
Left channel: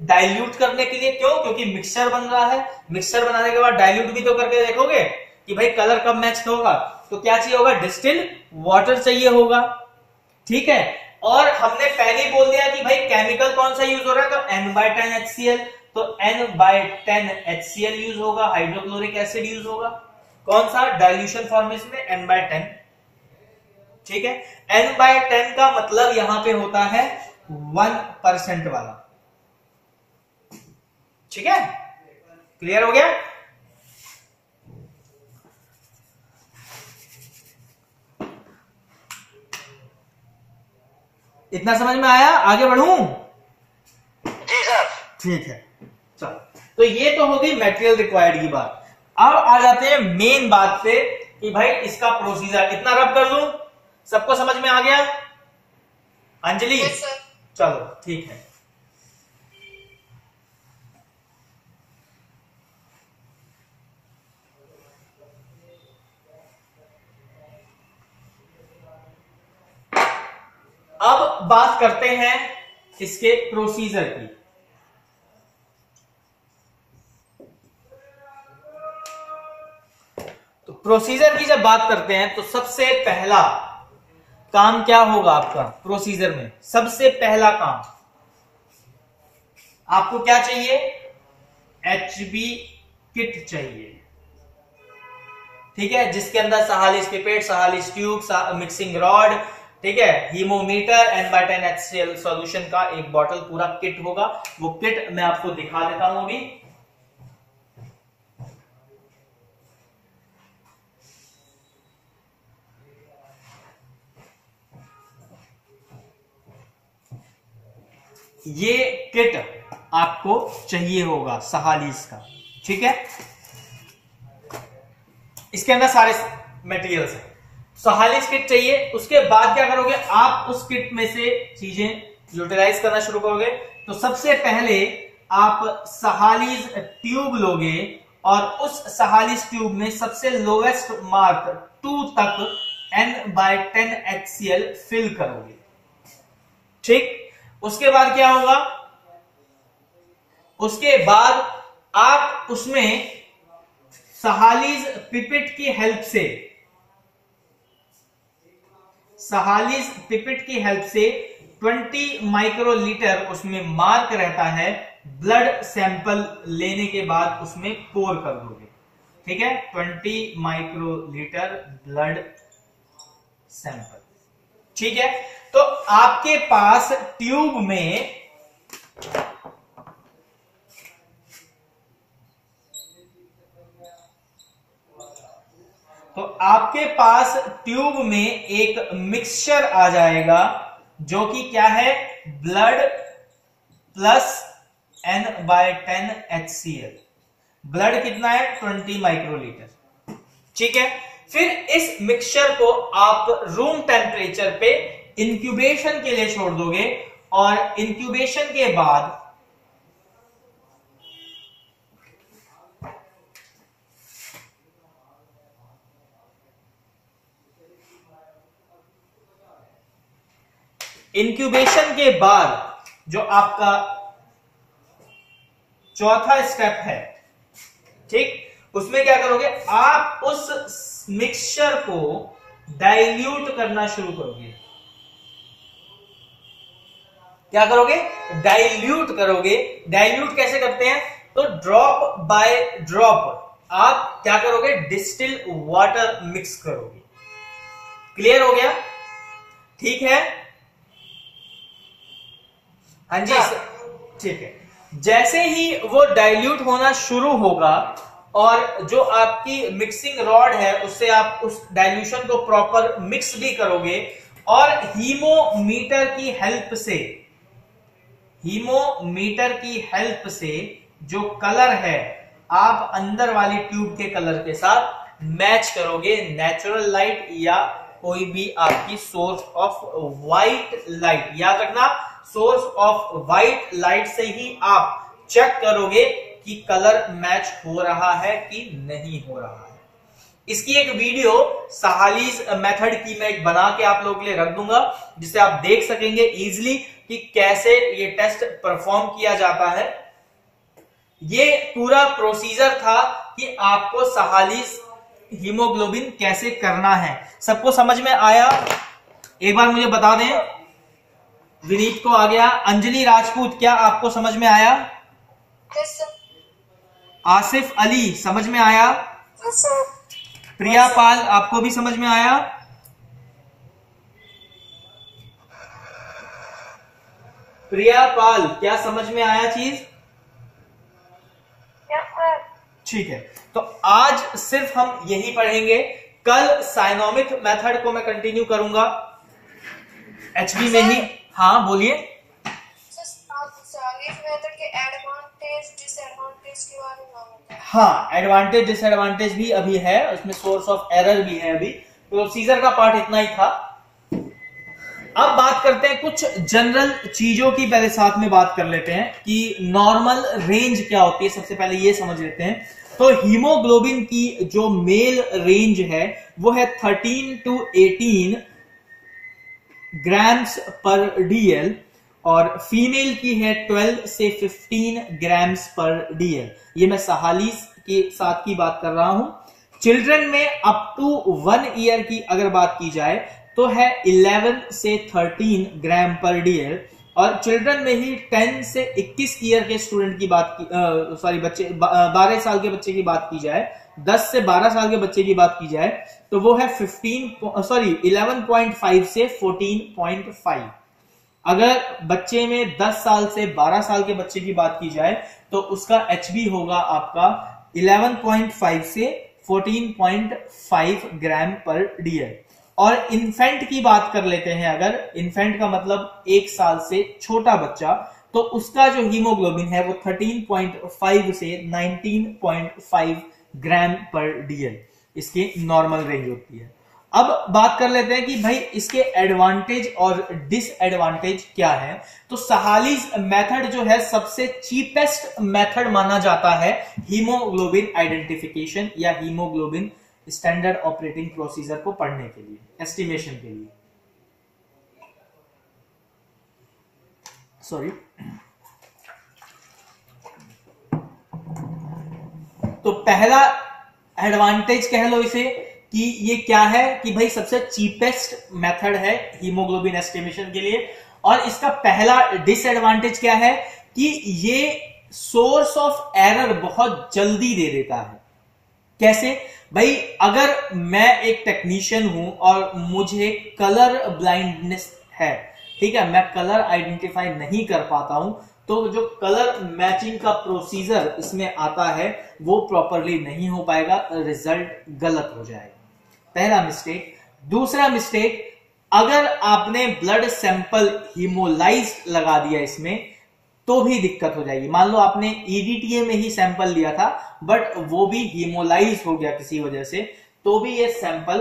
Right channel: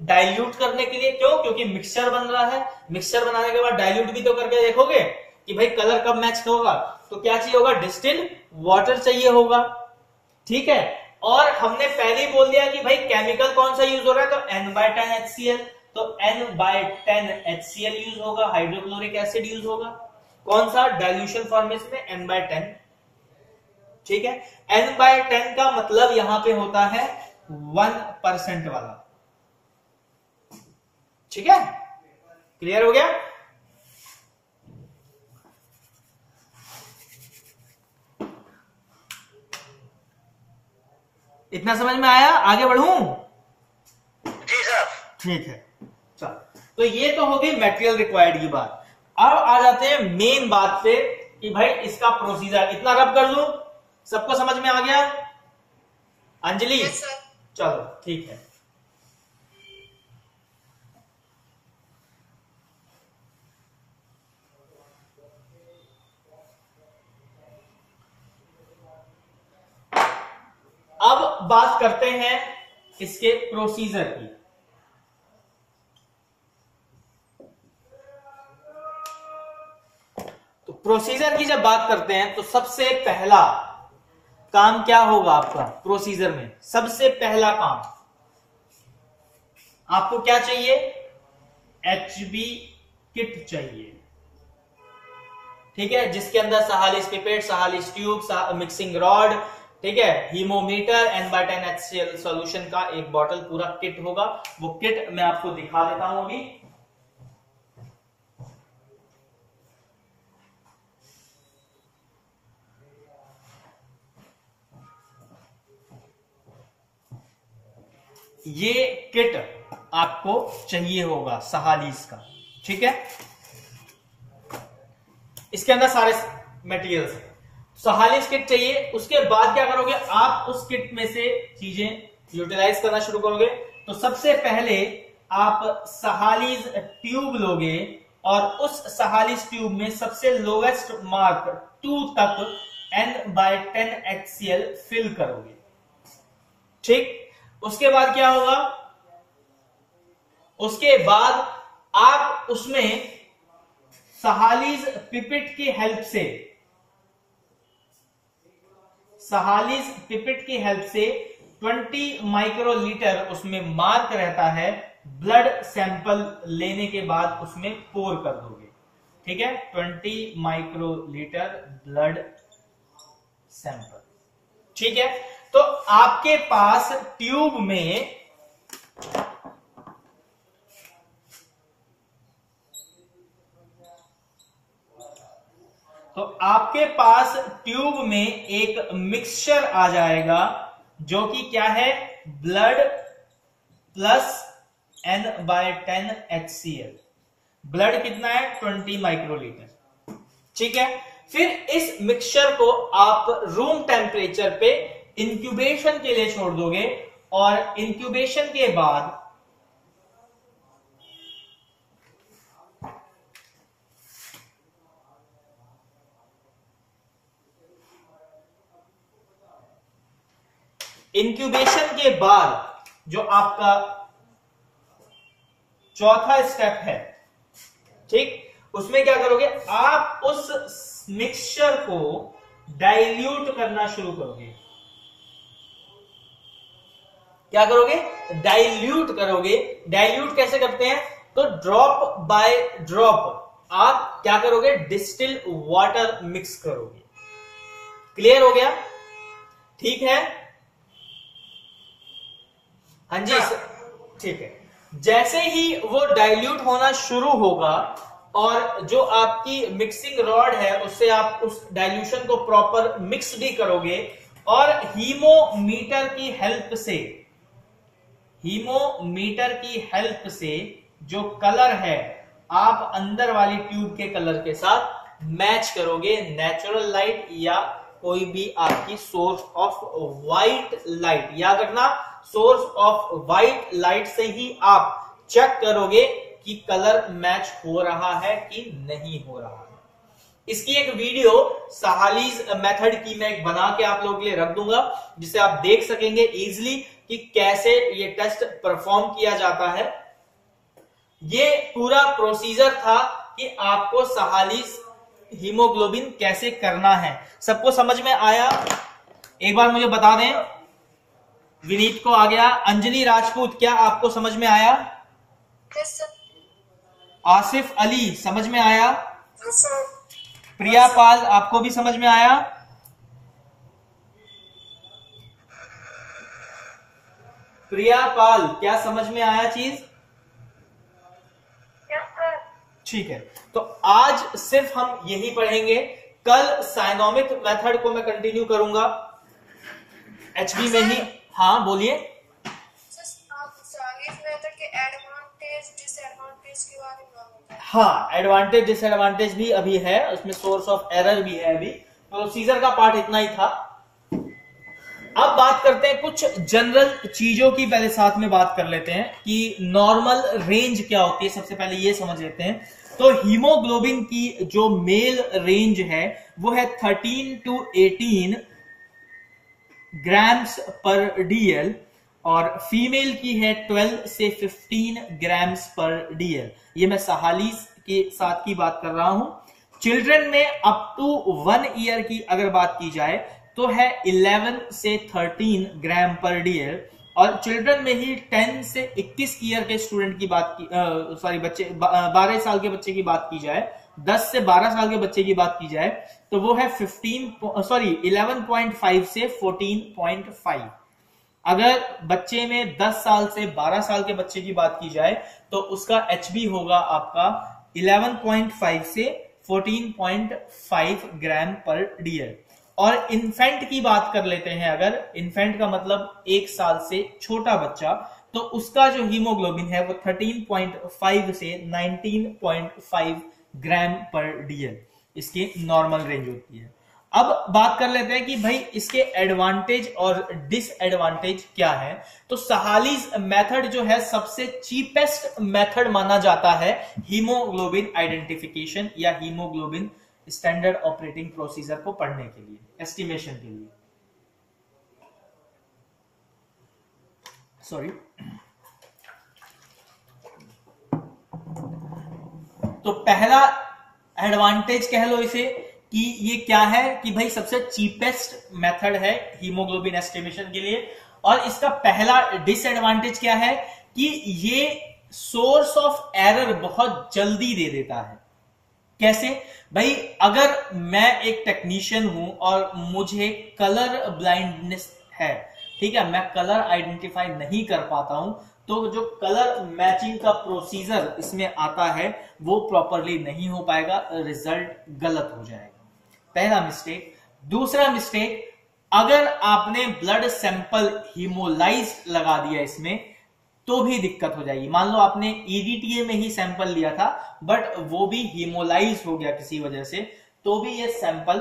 डाइल्यूट करने के लिए। क्यों, क्योंकि मिक्सचर बन रहा है, मिक्सचर बनाने के बाद डाइल्यूट भी तो करके देखोगे कि भाई कलर कब मैच होगा, तो क्या चाहिए होगा, डिस्टिल वाटर चाहिए होगा। ठीक है, और हमने पहले ही बोल दिया कि भाई केमिकल कौन सा यूज हो रहा है, तो N/10 HCl, तो N/10 HCl यूज होगा, हाइड्रोक्लोरिक एसिड यूज होगा। कौन सा, डाइल्यूशन फॉर्मेशन में N/10। ठीक है, N/10 का मतलब यहां पे होता है 1% वाला। ठीक है, क्लियर हो गया। इतना समझ में आया, आगे बढ़ूं? जी सर। ठीक है, चलो, तो ये तो होगी मटेरियल रिक्वायर्ड की बात। अब आ जाते हैं मेन बात पे कि भाई इसका प्रोसीजर। इतना रब कर दूं, सबको समझ में आ गया? Anjali, Yes, sir. चलो ठीक है। अब बात करते हैं इसके प्रोसीजर की। तो प्रोसीजर की जब बात करते हैं तो सबसे पहला काम क्या होगा आपका प्रोसीजर में? सबसे पहला काम आपको क्या चाहिए, HB किट चाहिए। ठीक है, जिसके अंदर सहालिस पिपेट, सहालिस ट्यूब, मिक्सिंग रॉड, ठीक है, हीमोमीटर, N/10 HCl सॉल्यूशन का एक बॉटल पूरा किट होगा। वो किट मैं आपको दिखा देता हूं अभी। ये किट आपको चाहिए होगा सहालिस का। ठीक है, इसके अंदर सारे मटेरियल्स हैं, सहालिस किट चाहिए। उसके बाद क्या करोगे आप, उस किट में से चीजें यूटिलाइज करना शुरू करोगे। तो सबसे पहले आप सहालिस ट्यूब लोगे और उस सहालिस ट्यूब में सबसे लोवेस्ट मार्क 2 तक N/10 HCl फिल करोगे। ठीक, उसके बाद क्या होगा, उसके बाद आप उसमें सहालिस पिपेट की हेल्प से, सहालिस पिपेट की हेल्प से 20 माइक्रोलीटर उसमें मार्क रहता है, ब्लड सैंपल लेने के बाद उसमें पोर कर दोगे। ठीक है, 20 माइक्रोलीटर ब्लड सैंपल। ठीक है, तो आपके पास ट्यूब में एक मिक्सचर आ जाएगा जो कि क्या है, blood plus N/10 HCl। Blood कितना है, 20 माइक्रोलीटर। ठीक है, फिर इस मिक्सचर को आप रूम टेम्परेचर पे इंक्यूबेशन के लिए छोड़ दोगे और इंक्यूबेशन के बाद जो आपका चौथा स्टेप है, ठीक, उसमें क्या करोगे आप, उस मिक्सचर को डाइल्यूट करना शुरू करोगे। क्या करोगे, डाइल्यूट करोगे। डाइल्यूट कैसे करते हैं, तो ड्रॉप बाय ड्रॉप आप क्या करोगे, डिस्टिल वाटर मिक्स करोगे। क्लियर हो गया? ठीक है, हाँ जी, ठीक है। जैसे ही वो डाइल्यूट होना शुरू होगा और जो आपकी मिक्सिंग रॉड है उससे आप उस डाइल्यूशन को प्रॉपर मिक्स भी करोगे और हीमोमीटर की हेल्प से हीमोमीटर की हेल्प से जो कलर है आप अंदर वाली ट्यूब के कलर के साथ मैच करोगे, नेचुरल लाइट या कोई भी आपकी सोर्स ऑफ व्हाइट लाइट। याद रखना, सोर्स ऑफ व्हाइट लाइट से ही आप चेक करोगे कि कलर मैच हो रहा है कि नहीं हो रहा है। इसकी एक वीडियो सहालीज मेथड की मैं एक बना के आप लोगों के लिए रख दूंगा, जिसे आप देख सकेंगे इजीली कि कैसे ये टेस्ट परफॉर्म किया जाता है। ये पूरा प्रोसीजर था कि आपको सहालीज हीमोग्लोबिन कैसे करना है। सबको समझ में आया? एक बार मुझे बता दें। विनीत को आ गया। अंजलि राजपूत, क्या आपको समझ में आया? Yes sir. आसिफ अली, समझ में आया? Yes sir. प्रिया पाल, आपको भी समझ में आया? प्रिया पाल, क्या समझ में आया चीज? Yes sir. ठीक है, तो आज सिर्फ हम यही पढ़ेंगे। कल साइनोमिक मेथड को मैं कंटिन्यू करूंगा एचबी में ही। हाँ बोलिए। आप सहालीज मेथड के एडवांटेज डिसएडवांटेज के बारे में बताएं। हाँ, एडवांटेज डिसएडवांटेज भी अभी है, उसमें सोर्स ऑफ एरर भी है। अभी प्रोसीजर का पार्ट इतना ही था। अब बात करते हैं कुछ जनरल चीजों की। पहले साथ में बात कर लेते हैं कि नॉर्मल रेंज क्या होती है। सबसे पहले ये समझ लेते हैं। तो हीमोग्लोबिन की जो मेल रेंज है वो है 13 to 18 ग्राम्स पर डीएल और फीमेल की है 12 से 15 ग्राम्स पर डीएल। ये मैं सहालीज के साथ की बात कर रहा हूं। चिल्ड्रन में अप टू 1 ईयर की अगर बात की जाए तो है 11 से 13 ग्राम पर डीएल, और चिल्ड्रन में ही 10 से 21 ईयर के स्टूडेंट की बात की, सॉरी बच्चे 12 साल के बच्चे की बात की जाए, 10 से 12 साल के बच्चे की बात की जाए तो वो है 11.5 से 14.5। अगर बच्चे में 10 साल से 12 साल के बच्चे की बात की जाए तो उसका एचबी होगा आपका 11.5 से 14.5 ग्राम पर डीएल। और इन्फेंट की बात कर लेते हैं। अगर इन्फेंट का मतलब 1 साल से छोटा बच्चा, तो उसका जो हीमोग्लोबिन है वो 13.5 से 19.5 ग्राम पर डीएल इसकी नॉर्मल रेंज होती है। अब बात कर लेते हैं कि भाई इसके एडवांटेज और डिसएडवांटेज क्या है। तो सहालीज मेथड जो है सबसे चीपेस्ट मेथड माना जाता है हीमोग्लोबिन आइडेंटिफिकेशन या हीमोग्लोबिन स्टैंडर्ड ऑपरेटिंग प्रोसीजर को पढ़ने के लिए, एस्टिमेशन के लिए। सॉरी। तो पहला एडवांटेज कह लो इसे कि ये क्या है कि भाई सबसे चीपेस्ट मेथड है हीमोग्लोबिन एस्टिमेशन के लिए। और इसका पहला डिसएडवांटेज क्या है कि ये सोर्स ऑफ एरर बहुत जल्दी दे देता है। कैसे भाई? अगर मैं एक टेक्नीशियन हूं और मुझे कलर ब्लाइंडनेस है, ठीक है, मैं कलर आइडेंटिफाई नहीं कर पाता हूं, तो जो कलर मैचिंग का प्रोसीजर इसमें आता है वो प्रॉपरली नहीं हो पाएगा, रिजल्ट गलत हो जाएगा। पहला मिस्टेक। दूसरा मिस्टेक, अगर आपने ब्लड सैंपल हीमोलाइज लगा दिया इसमें तो भी दिक्कत हो जाएगी। मान लो आपने ईडीटीए में ही सैंपल लिया था बट वो भी हीमोलाइज हो गया किसी वजह से, तो भी ये सैंपल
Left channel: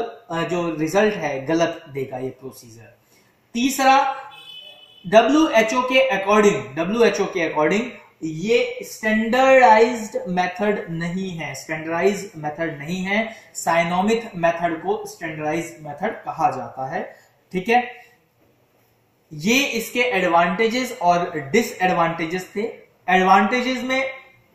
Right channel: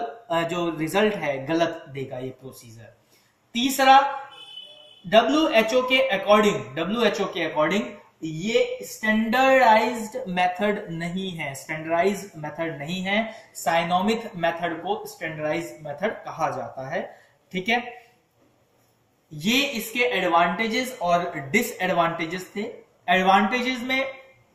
जो रिजल्ट है गलत देगा ये प्रोसीजर। तीसरा, डब्ल्यूएचओ के अकॉर्डिंग ये स्टैंडर्डाइज्ड मेथड नहीं है, स्टैंडर्डाइज्ड मेथड नहीं है। साइनोमिक मेथड को स्टैंडर्डाइज्ड मेथड कहा जाता है। ठीक है, ये इसके एडवांटेजेस और डिसएडवांटेजेस थे। एडवांटेजेस में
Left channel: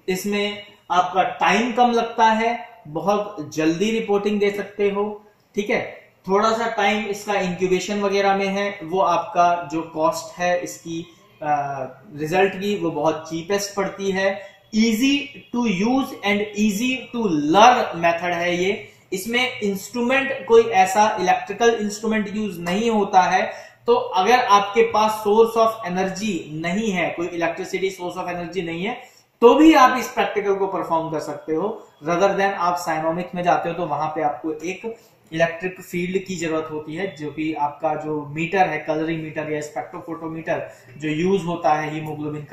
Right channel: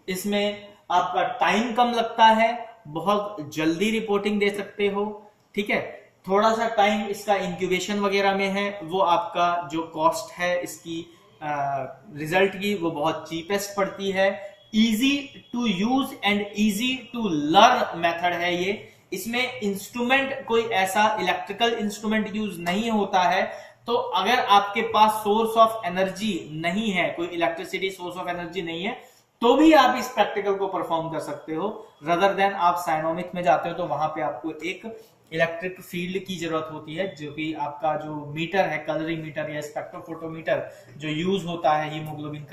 इसमें आपका टाइम कम लगता है, बहुत जल्दी रिपोर्टिंग दे सकते हो। ठीक है, थोड़ा सा टाइम इसका इंक्यूबेशन वगैरह में है, वो आपका जो कॉस्ट है इसकी रिजल्ट की वो बहुत चीपेस्ट पड़ती है। Easy to use and easy to learn method है ये। इसमें इंस्ट्रूमेंट कोई ऐसा इलेक्ट्रिकल इंस्ट्रूमेंट यूज नहीं होता है, तो अगर आपके पास सोर्स ऑफ एनर्जी नहीं है, कोई इलेक्ट्रिसिटी सोर्स ऑफ एनर्जी नहीं है, तो भी आप इस प्रैक्टिकल को परफॉर्म कर सकते हो। रदर देन आप साइनोमिक में जाते हो तो वहां पे आपको एक इलेक्ट्रिक फील्ड की जरूरत होती है, जो कि आपका जो मीटर है, कलरीमीटर या स्पेक्ट्रोफोटोमीटर, जो यूज होता है हीमोग्लोबिन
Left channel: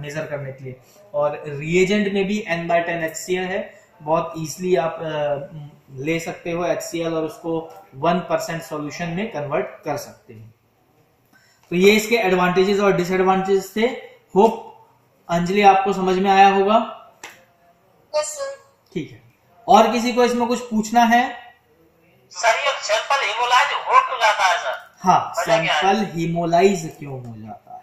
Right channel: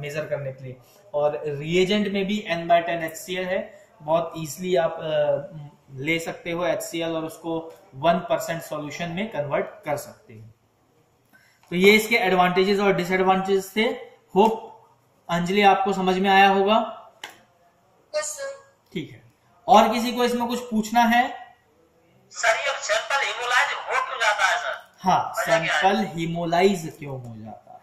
मेजर करने के लिए। और रिएजेंट में भी N/10 HCl है, बहुत इजीली आप ले सकते हो HCl और उसको 1% सॉल्यूशन में कन्वर्ट कर सकते हैं। तो ये इसके एडवांटेजेस और डिसएडवांटेजेस थे। होप अंजलि आपको समझ में आया होगा। ठीक है, और किसी को इसमें कुछ पूछना है? सर ये सैंपल हीमोलाइज हो क्यों जाता है सर? हाँ, सैंपल हीमोलाइज क्यों हो जाता है?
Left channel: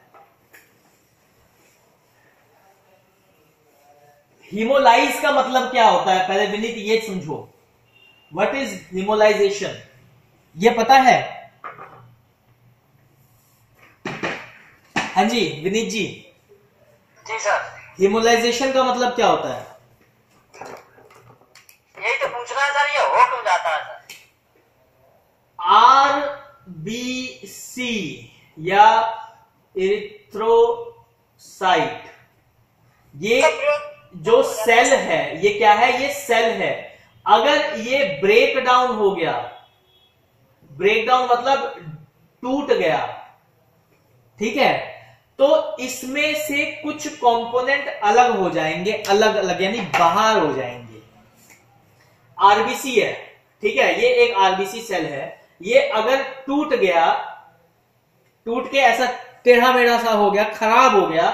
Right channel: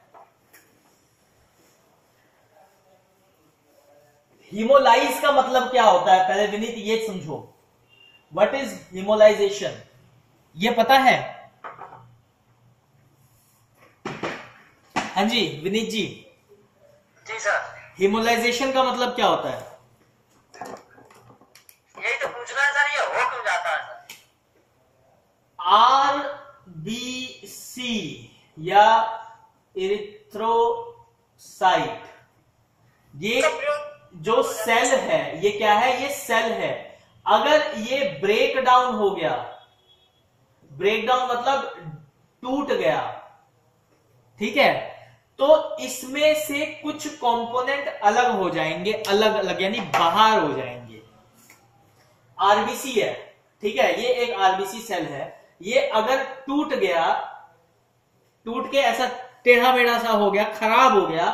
हीमोलाइज का मतलब क्या होता है, पहले विनीत ये समझो, व्हाट इज हीमोलाइजेशन, ये पता है? हाँ जी विनीत जी। जी सर। हीमोलाइजेशन का मतलब क्या होता है? यही तो पूछना है सर, ये हो क्यों जाता है सर? RBC या इरिथ्रोसाइट, ये जो सेल है, ये क्या है? ये सेल है। अगर ये ब्रेक डाउन हो गया, ब्रेक डाउन मतलब टूट गया, ठीक है, तो इसमें से कुछ कंपोनेंट अलग हो जाएंगे, अलग अलग यानी बाहर हो जाएंगे। आरबीसी है, ठीक है, ये एक आरबीसी सेल है, ये अगर टूट गया, टूट के ऐसा टेढ़ा मेढ़ा सा हो गया, खराब हो गया,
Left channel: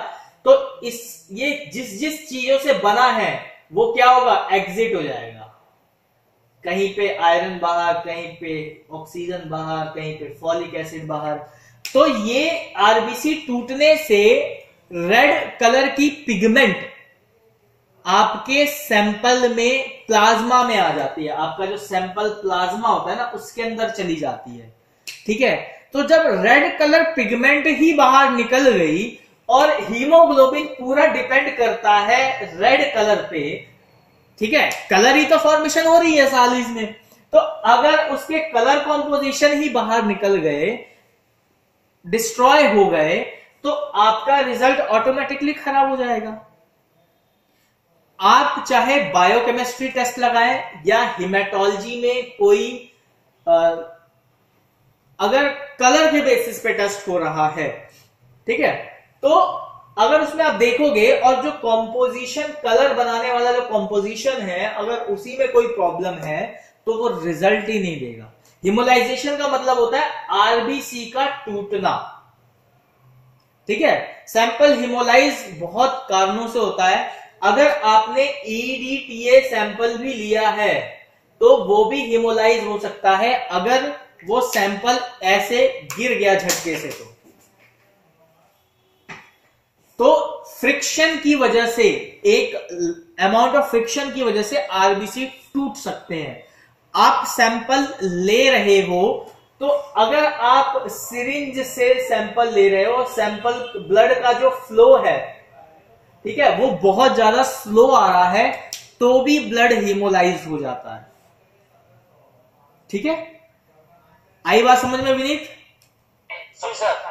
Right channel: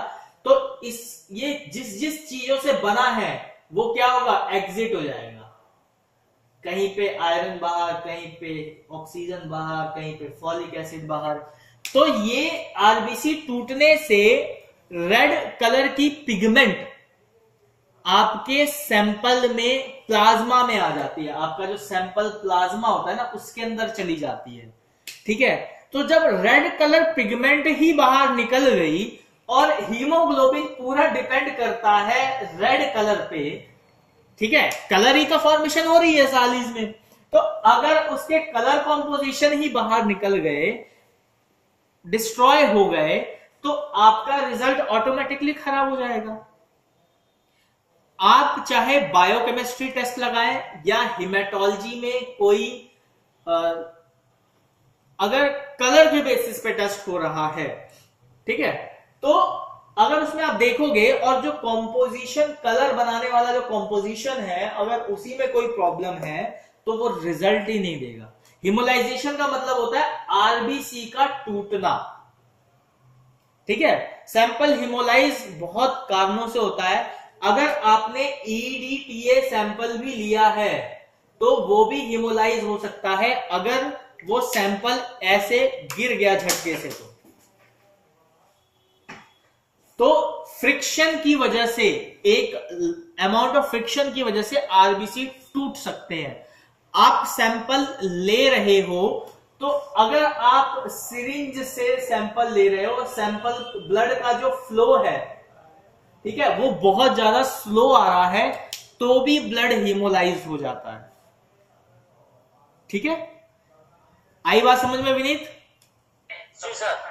तो ये जिस जिस चीजों से बना है वो क्या होगा? एग्जिट हो जाएगा। कहीं पे आयरन बाहर, कहीं पे ऑक्सीजन बाहर, कहीं पे फॉलिक एसिड बाहर। तो ये आरबीसी टूटने से रेड कलर की पिगमेंट आपके सैंपल में, प्लाज्मा में आ जाती है। आपका जो सैंपल प्लाज्मा होता है ना, उसके अंदर चली जाती है, ठीक है। तो जब रेड कलर पिगमेंट ही बाहर निकल गई, और हीमोग्लोबिन पूरा डिपेंड करता है रेड कलर पे, ठीक है, कलर ही तो फॉर्मेशन हो रही है सालीज में, तो अगर उसके कलर कॉम्पोजिशन ही बाहर निकल गए, डिस्ट्रॉय हो गए, तो आपका रिजल्ट ऑटोमेटिकली खराब हो जाएगा। आप चाहे बायोकेमिस्ट्री टेस्ट लगाएं या हिमेटोलॉजी में कोई अगर कलर के बेसिस पे टेस्ट हो रहा है, ठीक है, तो अगर उसमें आप देखोगे और जो कॉम्पोजिशन, कलर बनाने वाला जो कॉम्पोजिशन है, अगर उसी में कोई प्रॉब्लम है तो वो रिजल्ट ही नहीं देगा। हिमोलाइजेशन का मतलब होता है आरबीसी का टूटना, ठीक है। सैंपल हिमोलाइज बहुत कारणों से होता है। अगर आपने ईडीटीए सैंपल भी लिया है तो वो भी हिमोलाइज हो सकता है, अगर वो सैंपल ऐसे गिर गया झटके से। तो फ्रिक्शन की वजह से, एक अमाउंट ऑफ फ्रिक्शन की वजह से आरबीसी टूट सकते हैं। आप सैंपल ले रहे हो, तो अगर आप सिरिंज से सैंपल ले रहे हो, सैंपल ब्लड का जो फ्लो है, ठीक है, वो बहुत ज्यादा स्लो आ रहा है, तो भी ब्लड हीमोलाइज हो जाता है, ठीक है। आई बात समझ में विनीत? सर।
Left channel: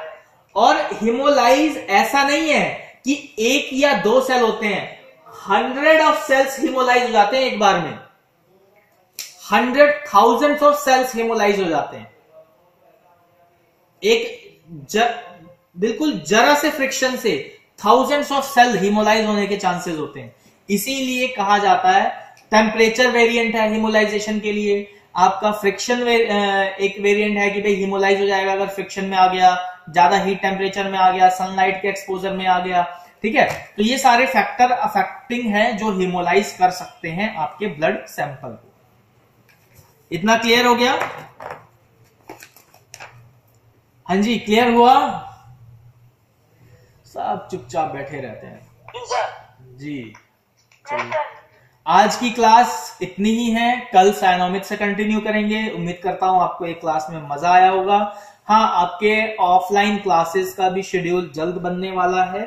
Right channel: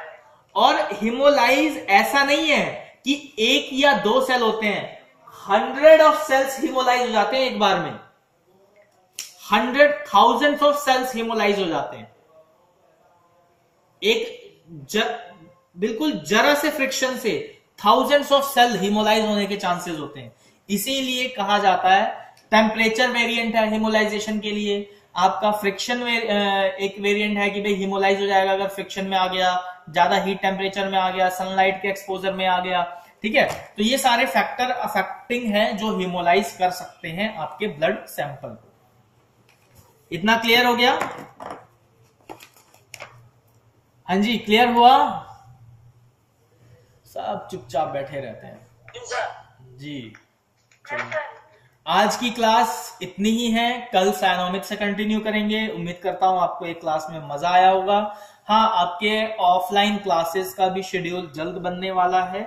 और हिमोलाइज ऐसा नहीं है कि एक या दो सेल होते हैं, 100 ऑफ सेल्स हिमोलाइज हो जाते हैं एक बार में, 100,000 ऑफ सेल्स हिमोलाइज हो जाते हैं। बिल्कुल जरा से फ्रिक्शन से थाउजेंड्स ऑफ सेल हिमोलाइज होने के चांसेस होते हैं। इसीलिए कहा जाता है टेम्परेचर वेरिएंट है हिमोलाइजेशन के लिए, आपका फ्रिक्शन एक वेरिएंट है कि भाई हिमोलाइज हो जाएगा अगर फ्रिक्शन में आ गया, ज्यादा हीट टेम्परेचर में आ गया, सनलाइट के एक्सपोजर में आ गया, ठीक है। तो ये सारे फैक्टर अफेक्टिंग हैं जो हिमोलाइज कर सकते हैं आपके ब्लड सैंपल को। इतना क्लियर हो गया? हाँ जी, क्लियर हुआ? सब चुपचाप बैठे रहते हैं जी। चलिए, आज की क्लास इतनी ही है, कल साइनोमिक्स से कंटिन्यू करेंगे। उम्मीद करता हूं आपको एक क्लास में मजा आया होगा। हाँ, आपके ऑफलाइन क्लासेस का भी शेड्यूल जल्द बनने वाला है,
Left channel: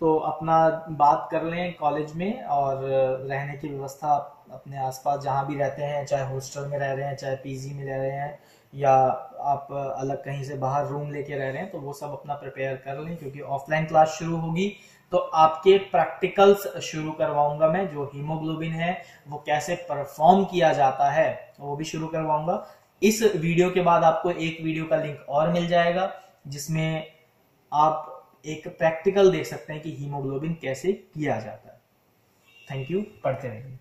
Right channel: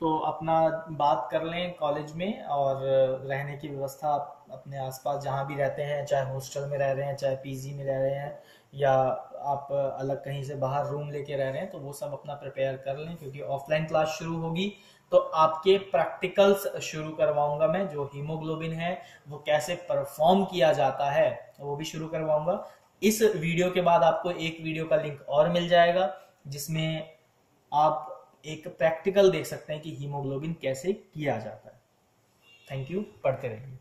तो अपना बात कर लें कॉलेज में, और रहने की व्यवस्था अपने आसपास जहां भी रहते हैं, चाहे हॉस्टल में रह रहे हैं, चाहे पीजी में रह रहे हैं, या आप अलग कहीं से बाहर रूम लेके रह रहे हैं, तो वो सब अपना प्रिपेयर कर लें, क्योंकि ऑफलाइन क्लास शुरू होगी तो आपके प्रैक्टिकल्स शुरू करवाऊंगा मैं। जो हीमोग्लोबिन है वो कैसे परफॉर्म किया जाता है वो भी शुरू करवाऊंगा। इस वीडियो के बाद आपको एक वीडियो का लिंक और मिल जाएगा जिसमें आप एक प्रैक्टिकल देख सकते हैं कि हीमोग्लोबिन कैसे किया जाता है। थैंक यू, पढ़ते रहिए।